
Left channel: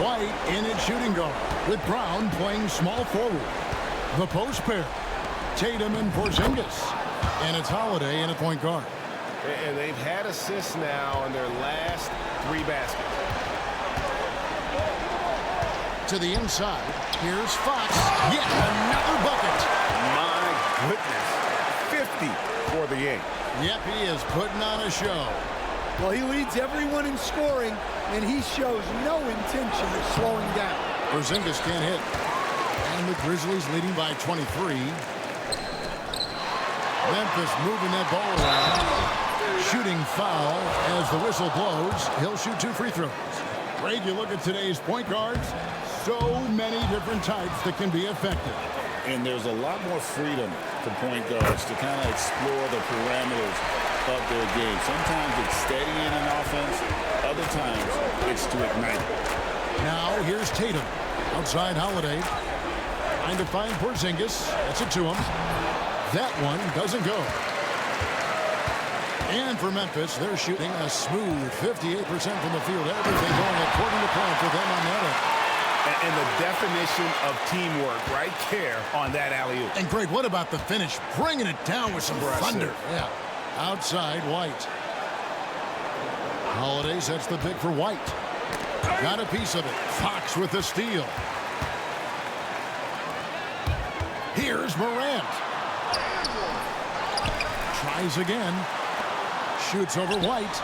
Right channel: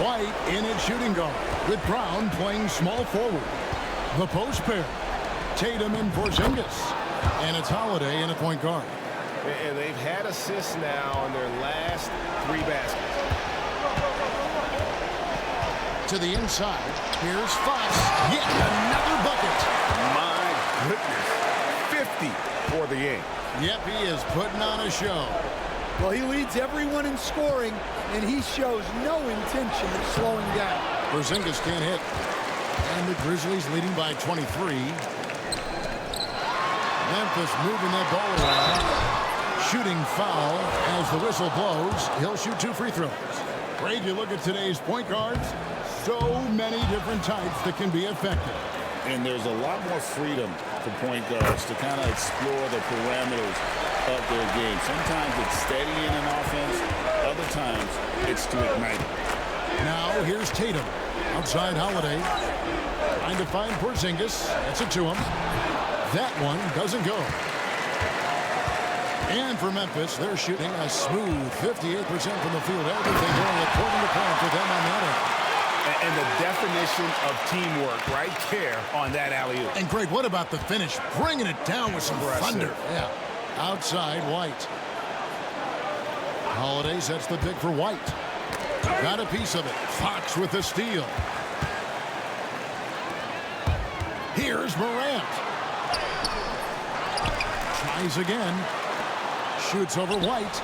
White in at shooting guard, with Brown playing small forward. The post pair, Tatum and Porzingis. And it's Holiday in at point guard. And they've had assists now on their last 3 baskets. To the inside, here's Fox. Yet another bucket. My goodness, 50 for the game. Yep, he is putting on a show. Well, he leads everyone in scoring, and he shows no intention of slowing down. Porzingis can't hit. And the Grizzlies leading by 23. Memphis moving that ball around. Shooting foul as the whistle blows. He'll shoot 2 free throws. Greg, you look at today's point guards. So many different types that can be effective. And there's a lot more freedom for point guards to kind of explore the parameters of their game. Sometimes it's steadying an offense. Other times it's to ignite it. Now here's Tatum. Outside Holiday. Trying to find Porzingis. Gets it to him. That one doesn't go. And for Memphis, they're shooting a smooth 58% from the field. Everything going according to plan for them on that end. And the definition of teamwork right there on that alley-oop. And Greg, what about the finish? Bringing it down with some Impressive. thunder. Yeah. Outside White. Holiday sets the pick for White. Got a piece of it. Fox with the steal. Here's Morant. Tries again. Shoots over White.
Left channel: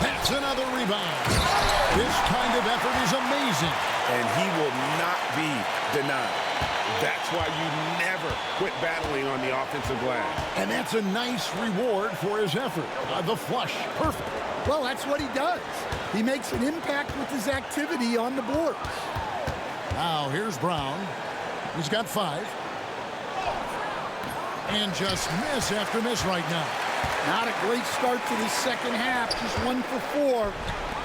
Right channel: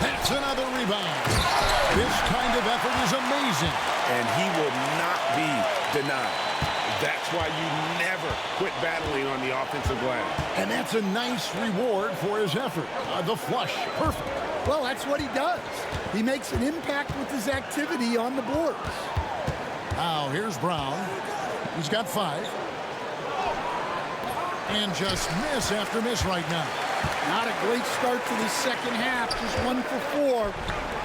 That's another rebound. This kind of effort is amazing. And he will not be denied. That's why you never quit battling on the offensive glass. And that's a nice reward for his effort. The flush. Perfect. Well, that's what he does. He makes an impact with his activity on the boards. Now here's Brown. He's got 5. And just miss after miss right now. Not a great start to this second half. Just 1 for 4.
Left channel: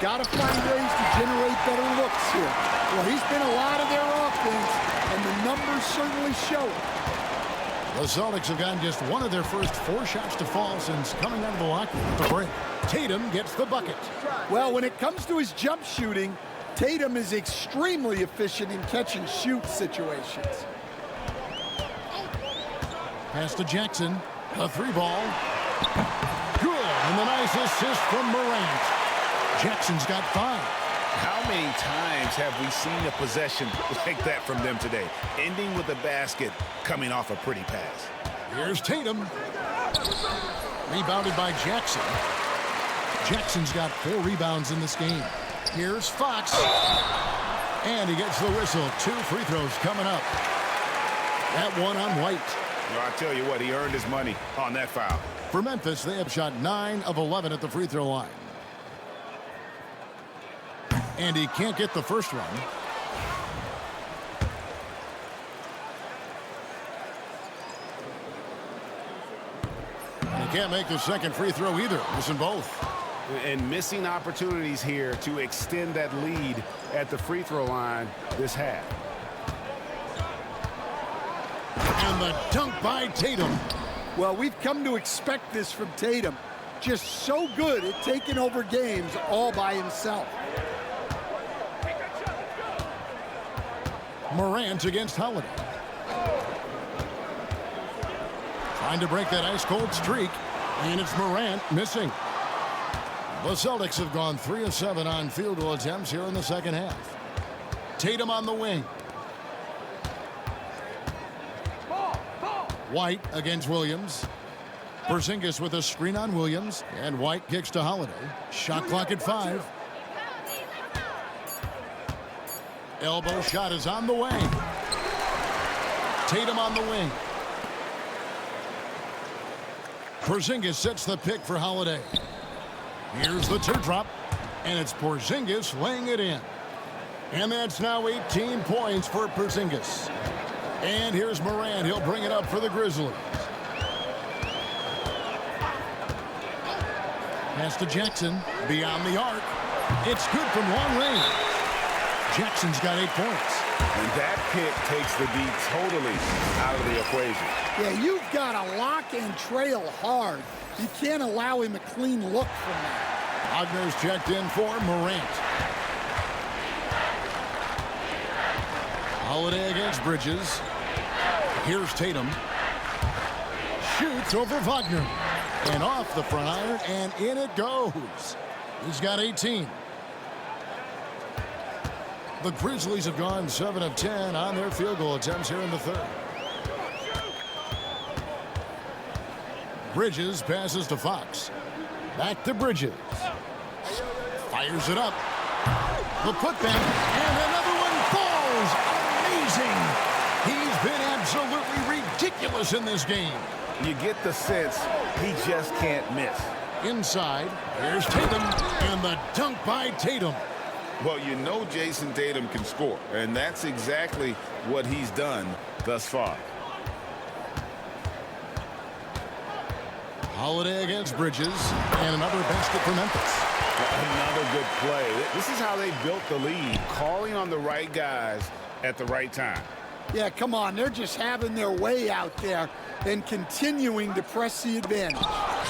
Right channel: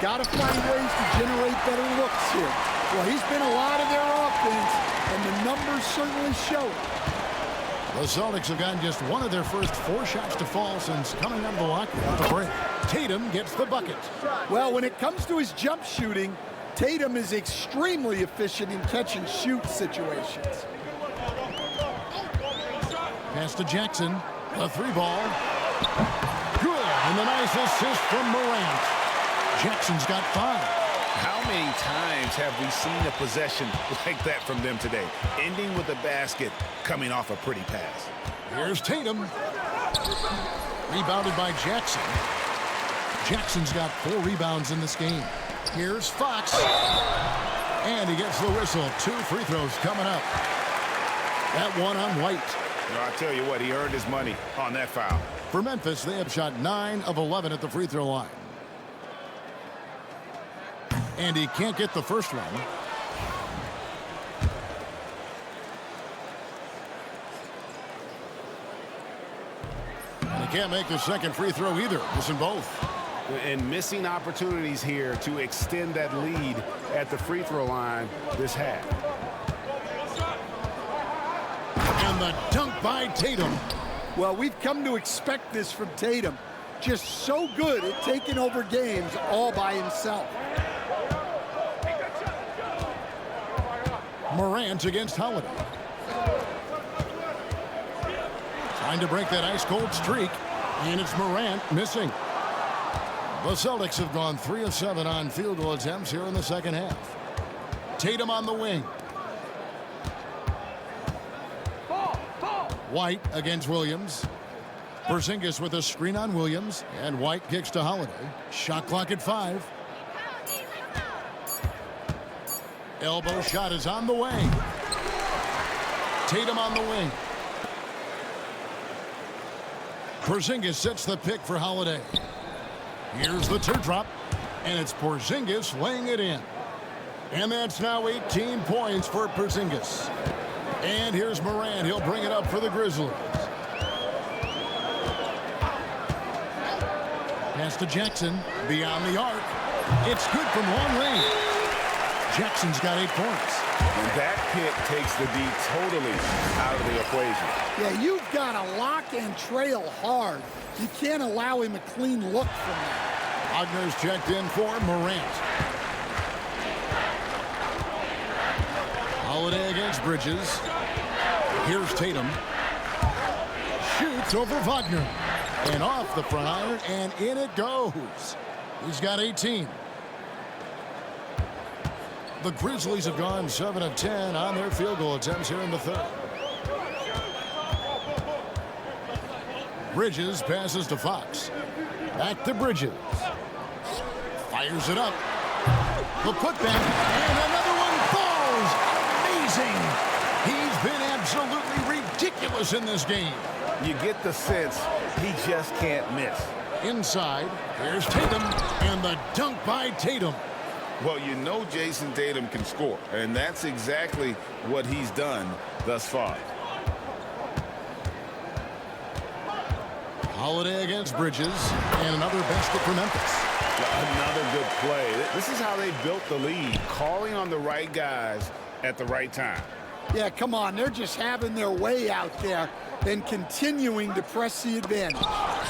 Got to find ways to generate better looks here. Well, he's been a lot of their offense, and the numbers certainly show it. The Celtics have gotten just one of their first 4 shots to fall since coming out of the locker room at the break. Tatum gets the bucket. Well, when it comes to his jump shooting, Tatum is extremely efficient in catch-and-shoot situations. Pass to Jackson. The 3-ball. Good. And the nice assist from Morant. Jackson's got 5. How many times have we seen a possession like that from them today, ending with a basket coming off a pretty pass? Here's Tatum. Rebounded by Jackson. Jackson's got 4 rebounds in this game. Here's Fox. And he gets the whistle. 2 free throws coming up. That one on White. No, I tell you what, he earned his money on that foul. For Memphis, they have shot 9 of 11 at the free throw line. And he can't get the first one. And he can't make the second free throw either. Missing both. And missing opportunities here to extend that lead at the free throw line this half. And the dunk by Tatum. Well, we've come to expect this from Tatum. Just so good at taking over games all by himself. Morant against Holiday. Trying to break that ice-cold streak. And it's Morant missing. The Celtics have gone 3 of 7 on field goal attempts here in the second half. Tatum on the wing. White against Williams. Porzingis with a screen on Williams. And White kicks to Holiday. Shot clock at 5. Elbow shot is on the way. Tatum on the wing. Porzingis sets the pick for Holiday. Here's the teardrop. And it's Porzingis laying it in. And that's now 18 points for Porzingis. And here's Morant. He'll bring it up for the Grizzlies. Pass to Jackson. Beyond the arc. It's good from long range. Jackson's got 8 points. And that pick takes the D totally out of the equation. Yeah, you've got to lock and trail hard. You can't allow him a clean look from that. Wagner's checked in for Morant. Holiday against Bridges. Here's Tatum. Shoots over Wagner. And off the front iron, and in it goes. He's got 18. The Grizzlies have gone 7 of 10 on their field goal attempts here in the third. Bridges passes to Fox. Back to Bridges. Fires it up. The putback, and another one falls. Amazing. He's been absolutely ridiculous in this game. You get the sense he just can't miss. Inside, here's Tatum, and the dunk by Tatum. Well, you know Jason Tatum can score, and that's exactly what he's done thus far. Holiday against Bridges, and another basket for Memphis. Another good play. This is how they built the lead, calling on the right guys at the right time. Yeah, come on. They're just having their way out there and continuing to press the advantage.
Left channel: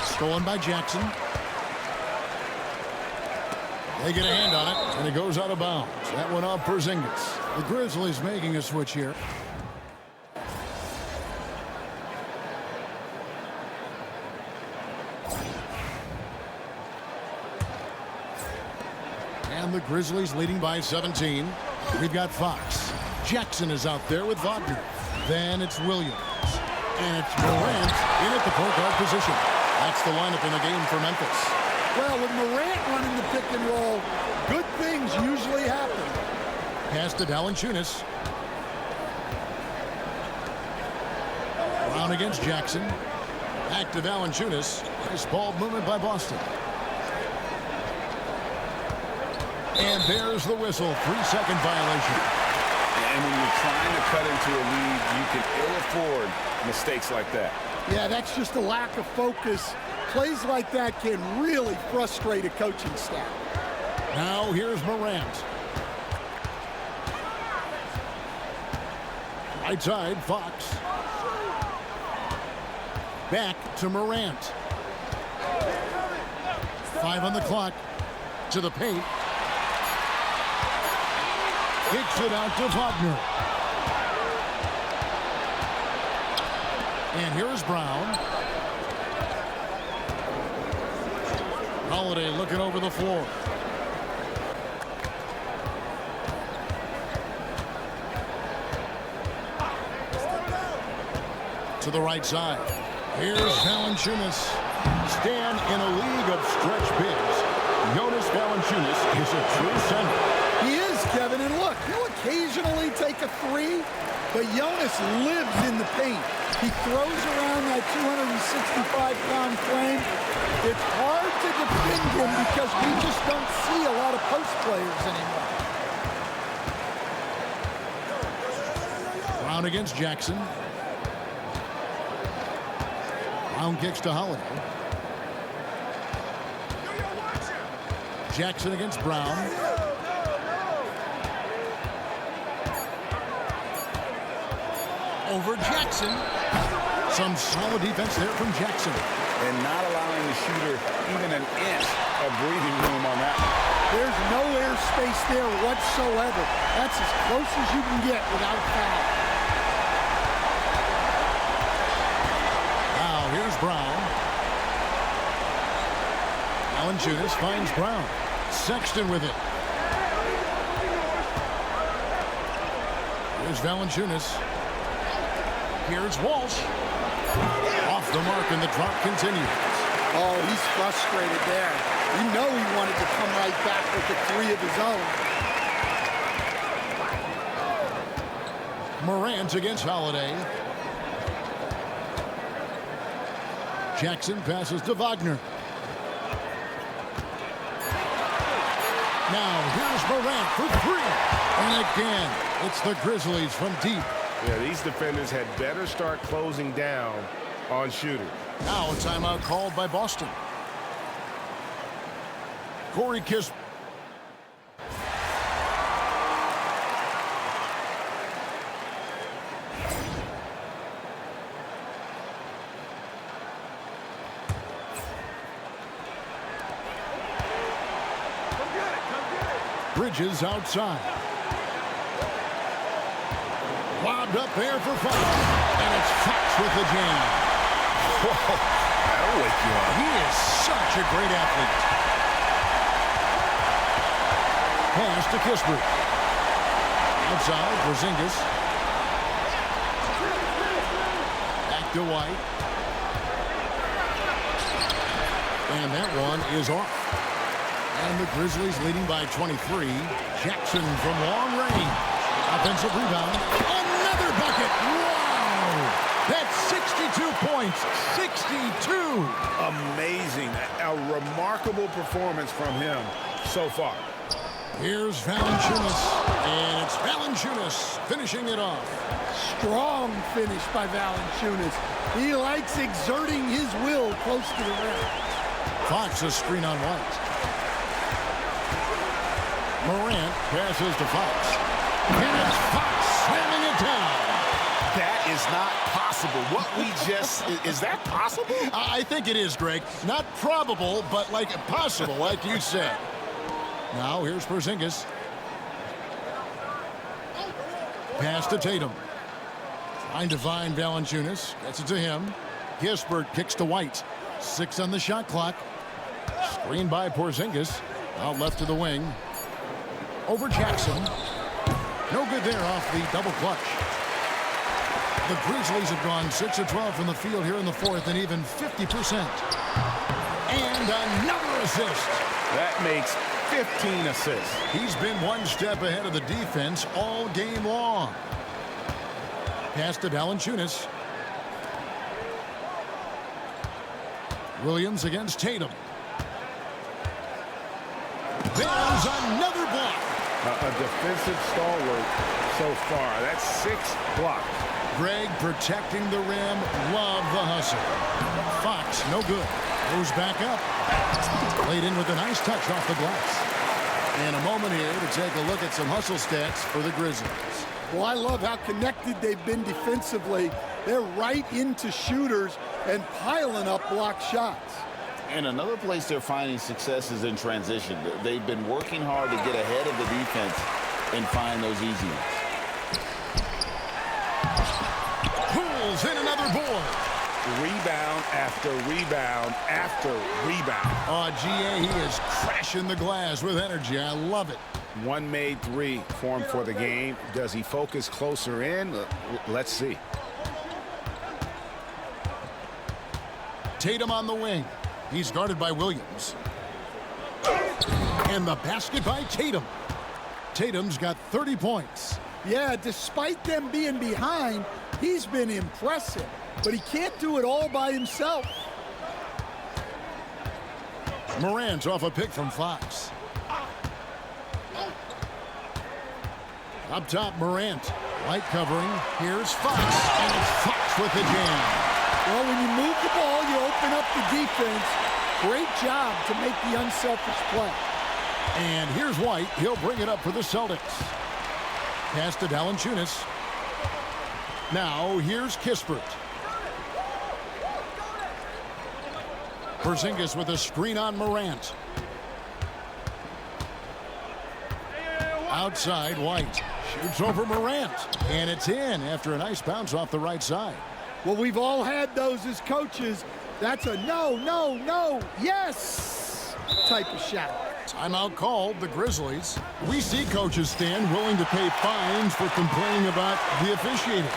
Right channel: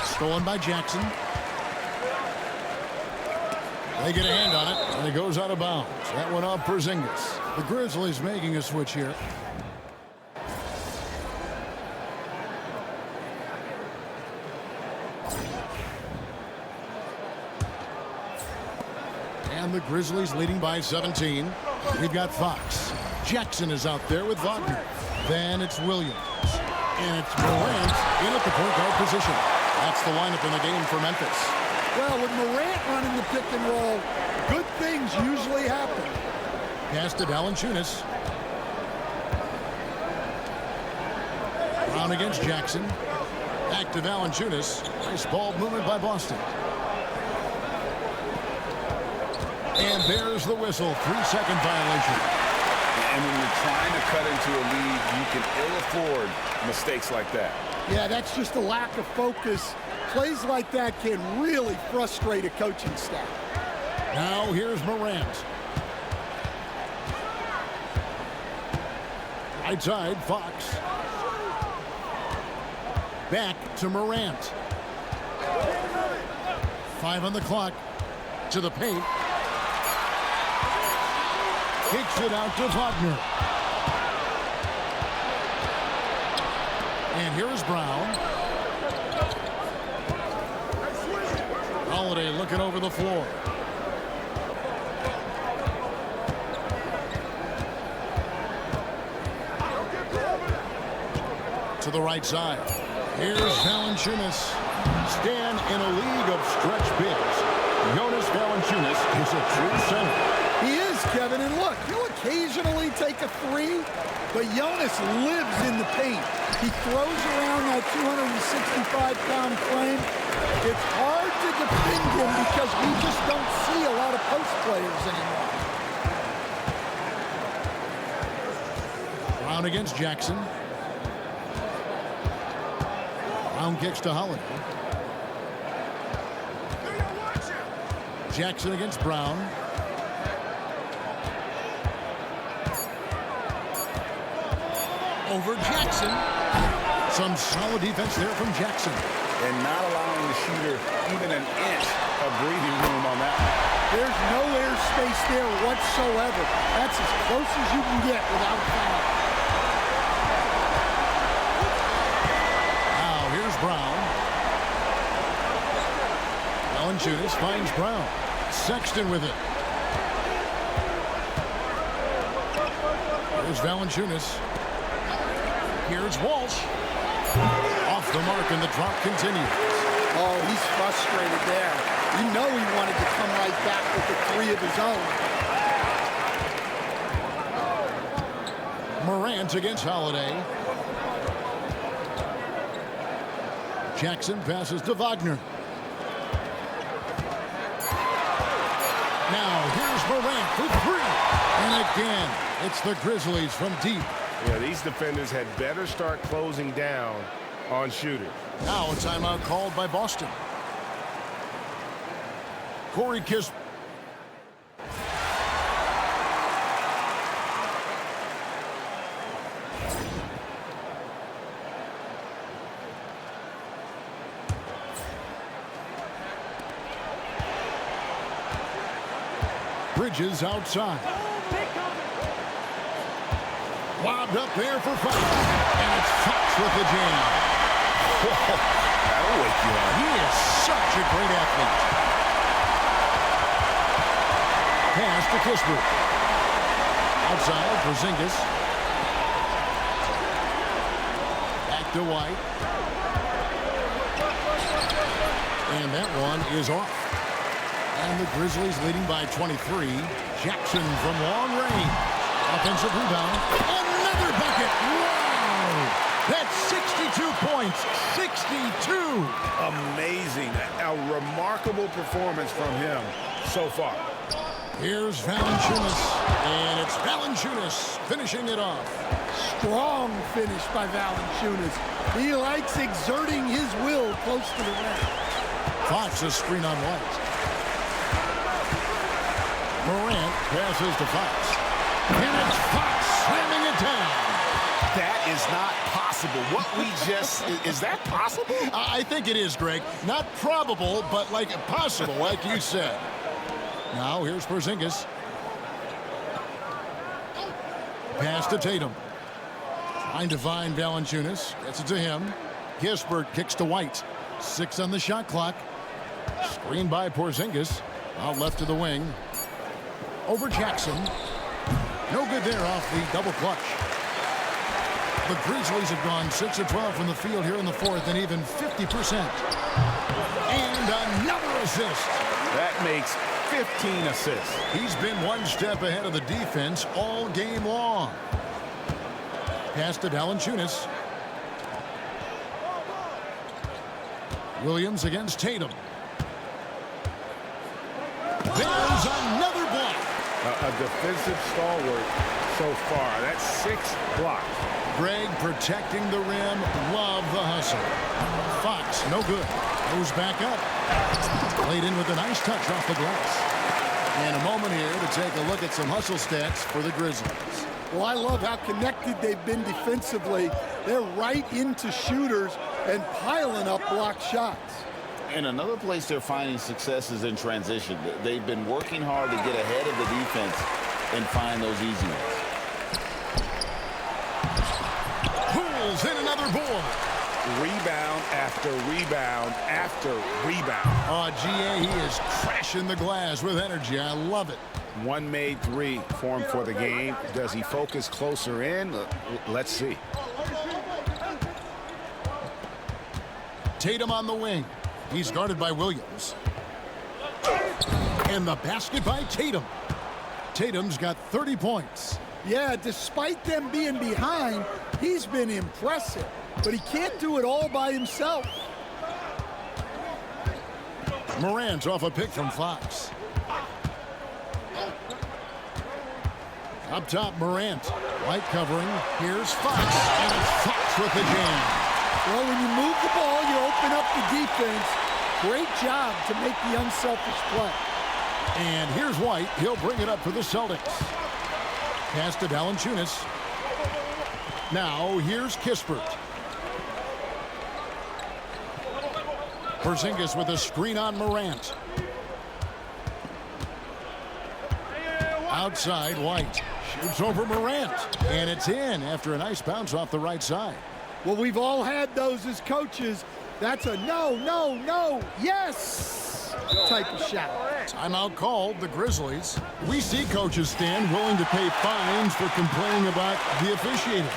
Stolen by Jackson. They get a hand on it, and it goes out of bounds. That went off Porzingis. The Grizzlies making a switch here. And the Grizzlies leading by 17. We've got Fox. Jackson is out there with Wagner. Then it's Williams. And it's Morant in at the point guard position. That's the lineup in the game for Memphis. Well, with Morant running the pick and roll, good things usually happen. Pass to Valanciunas. Brown against Jackson. Back to Valanciunas. Nice ball movement by Boston. And there's the whistle. 3-second violation. And when you're trying to cut into a lead, you can ill afford mistakes like that. Yeah, that's just a lack of focus. Plays like that can really frustrate a coaching staff. Now here's Morant. Right side, Fox. Back to Morant. 5 on the clock. To the paint. Kicks it out to Wagner. And here is Brown. Holiday looking over the floor. To the right side. Here's Valanciunas. Stan, in a league of stretch bigs, Jonas Valanciunas is a true center. He is, Kevin, and look, he'll occasionally take a three, but Jonas lives in the paint. He throws around that 265-pound frame. It's hard to defend him because we just don't see a lot of post players anymore. Brown against Jackson. Brown kicks to Holiday. Jackson against Brown. Over Jackson. Some solid defense there from Jackson. And not allowing the shooter even an inch of breathing room on that one. There's no air space there whatsoever. That's as close as you can get without foul. Now here's Brown. Valanciunas finds Brown. Sexton with it. Here's Valanciunas. Here's Walsh. Off the mark, and the drought continues. Oh, he's frustrated there. You know he wanted to come right back with the three of his own. Morant against Holiday. Jackson passes to Wagner. Now here's Morant for three. And again, it's the Grizzlies from deep. Yeah, these defenders had better start closing down on shooters. Now a timeout called by Boston. Corey Kispert. Bridges outside. Lobbed up there for Fox. And it's Fox with the jam. Whoa, that'll wake you up. He is such a great athlete. Pass to Kispert. Outside, Porzingis. Back to White. And that one is off. And the Grizzlies leading by 23. Jackson from long range. Offensive rebound. Another bucket. Wow! That's 62 points. 62. Amazing. A remarkable performance from him so far. Here's Valanciunas. And it's Valanciunas finishing it off. Strong finish by Valanciunas. He likes exerting his will close to the rim. Fox a screen on White. Morant passes to Fox. And it's Fox slamming it down. That is not possible. What we just... is that possible? I think it is, Greg. Not probable, but like possible, like you said. Now here's Porzingis. Pass to Tatum. Trying to find Valanciunas. Gets it to him. Kispert kicks to White. 6 on the shot clock. Screened by Porzingis. Out left to the wing. Over Jackson. No good there off the double clutch. The Grizzlies have gone 6 of 12 from the field here in the fourth and even 50%. And another assist. That makes 15 assists. He's been one step ahead of the defense all game long. Pass to Valanciunas. Williams against Tatum. There's another block. A defensive stalwart so far. That's 6 blocks. Greg protecting the rim. Love the hustle. Fox, no good. Goes back up. Played in with a nice touch off the glass. And a moment here to take a look at some hustle stats for the Grizzlies. Well, I love how connected they've been defensively. They're right into shooters. and piling up block shots. And another place they're finding success is in transition. They've been working hard to get ahead of the defense and find those easy ones. Pulls in another board. Rebound after rebound after rebound. Oh, GA, he is crashing the glass with energy. I love it. One made three for him for the game. Does he focus closer in? Let's see. Tatum on the wing. He's guarded by Williams. And the basket by Tatum. Tatum's got 30 points. Yeah, despite them being behind, he's been impressive. But he can't do it all by himself. Morant's off a pick from Fox. Up top, Morant. White covering. Here's Fox. And it's Fox with the jam. Well, when you move the ball, you open up the defense. Great job to make the unselfish play. And here's White. He'll bring it up for the Celtics. Pass to Valanciunas. Now, here's Kispert. Porzingis with a screen on Morant. Outside, White. Shoots over Morant. And it's in after a nice bounce off the right side. Well, we've all had those as coaches. That's a no, no, no, yes type of shot. Timeout called, the Grizzlies. We see coaches stand willing to pay fines for complaining about the officiating.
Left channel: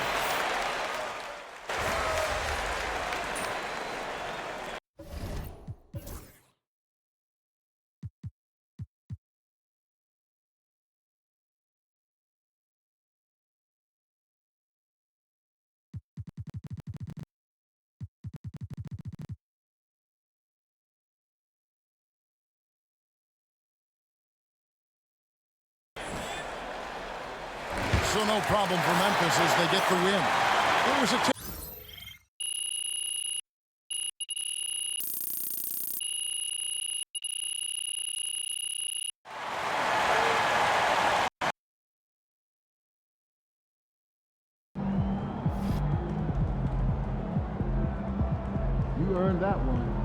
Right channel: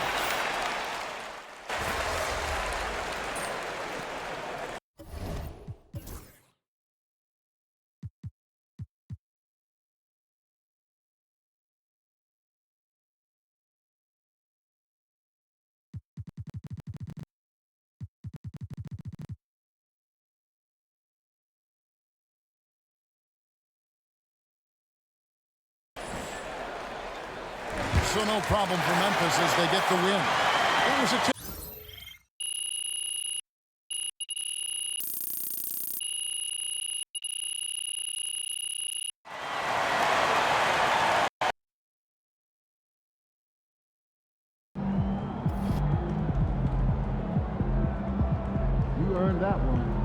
So no problem for Memphis as they get the win. It was a You earned that one.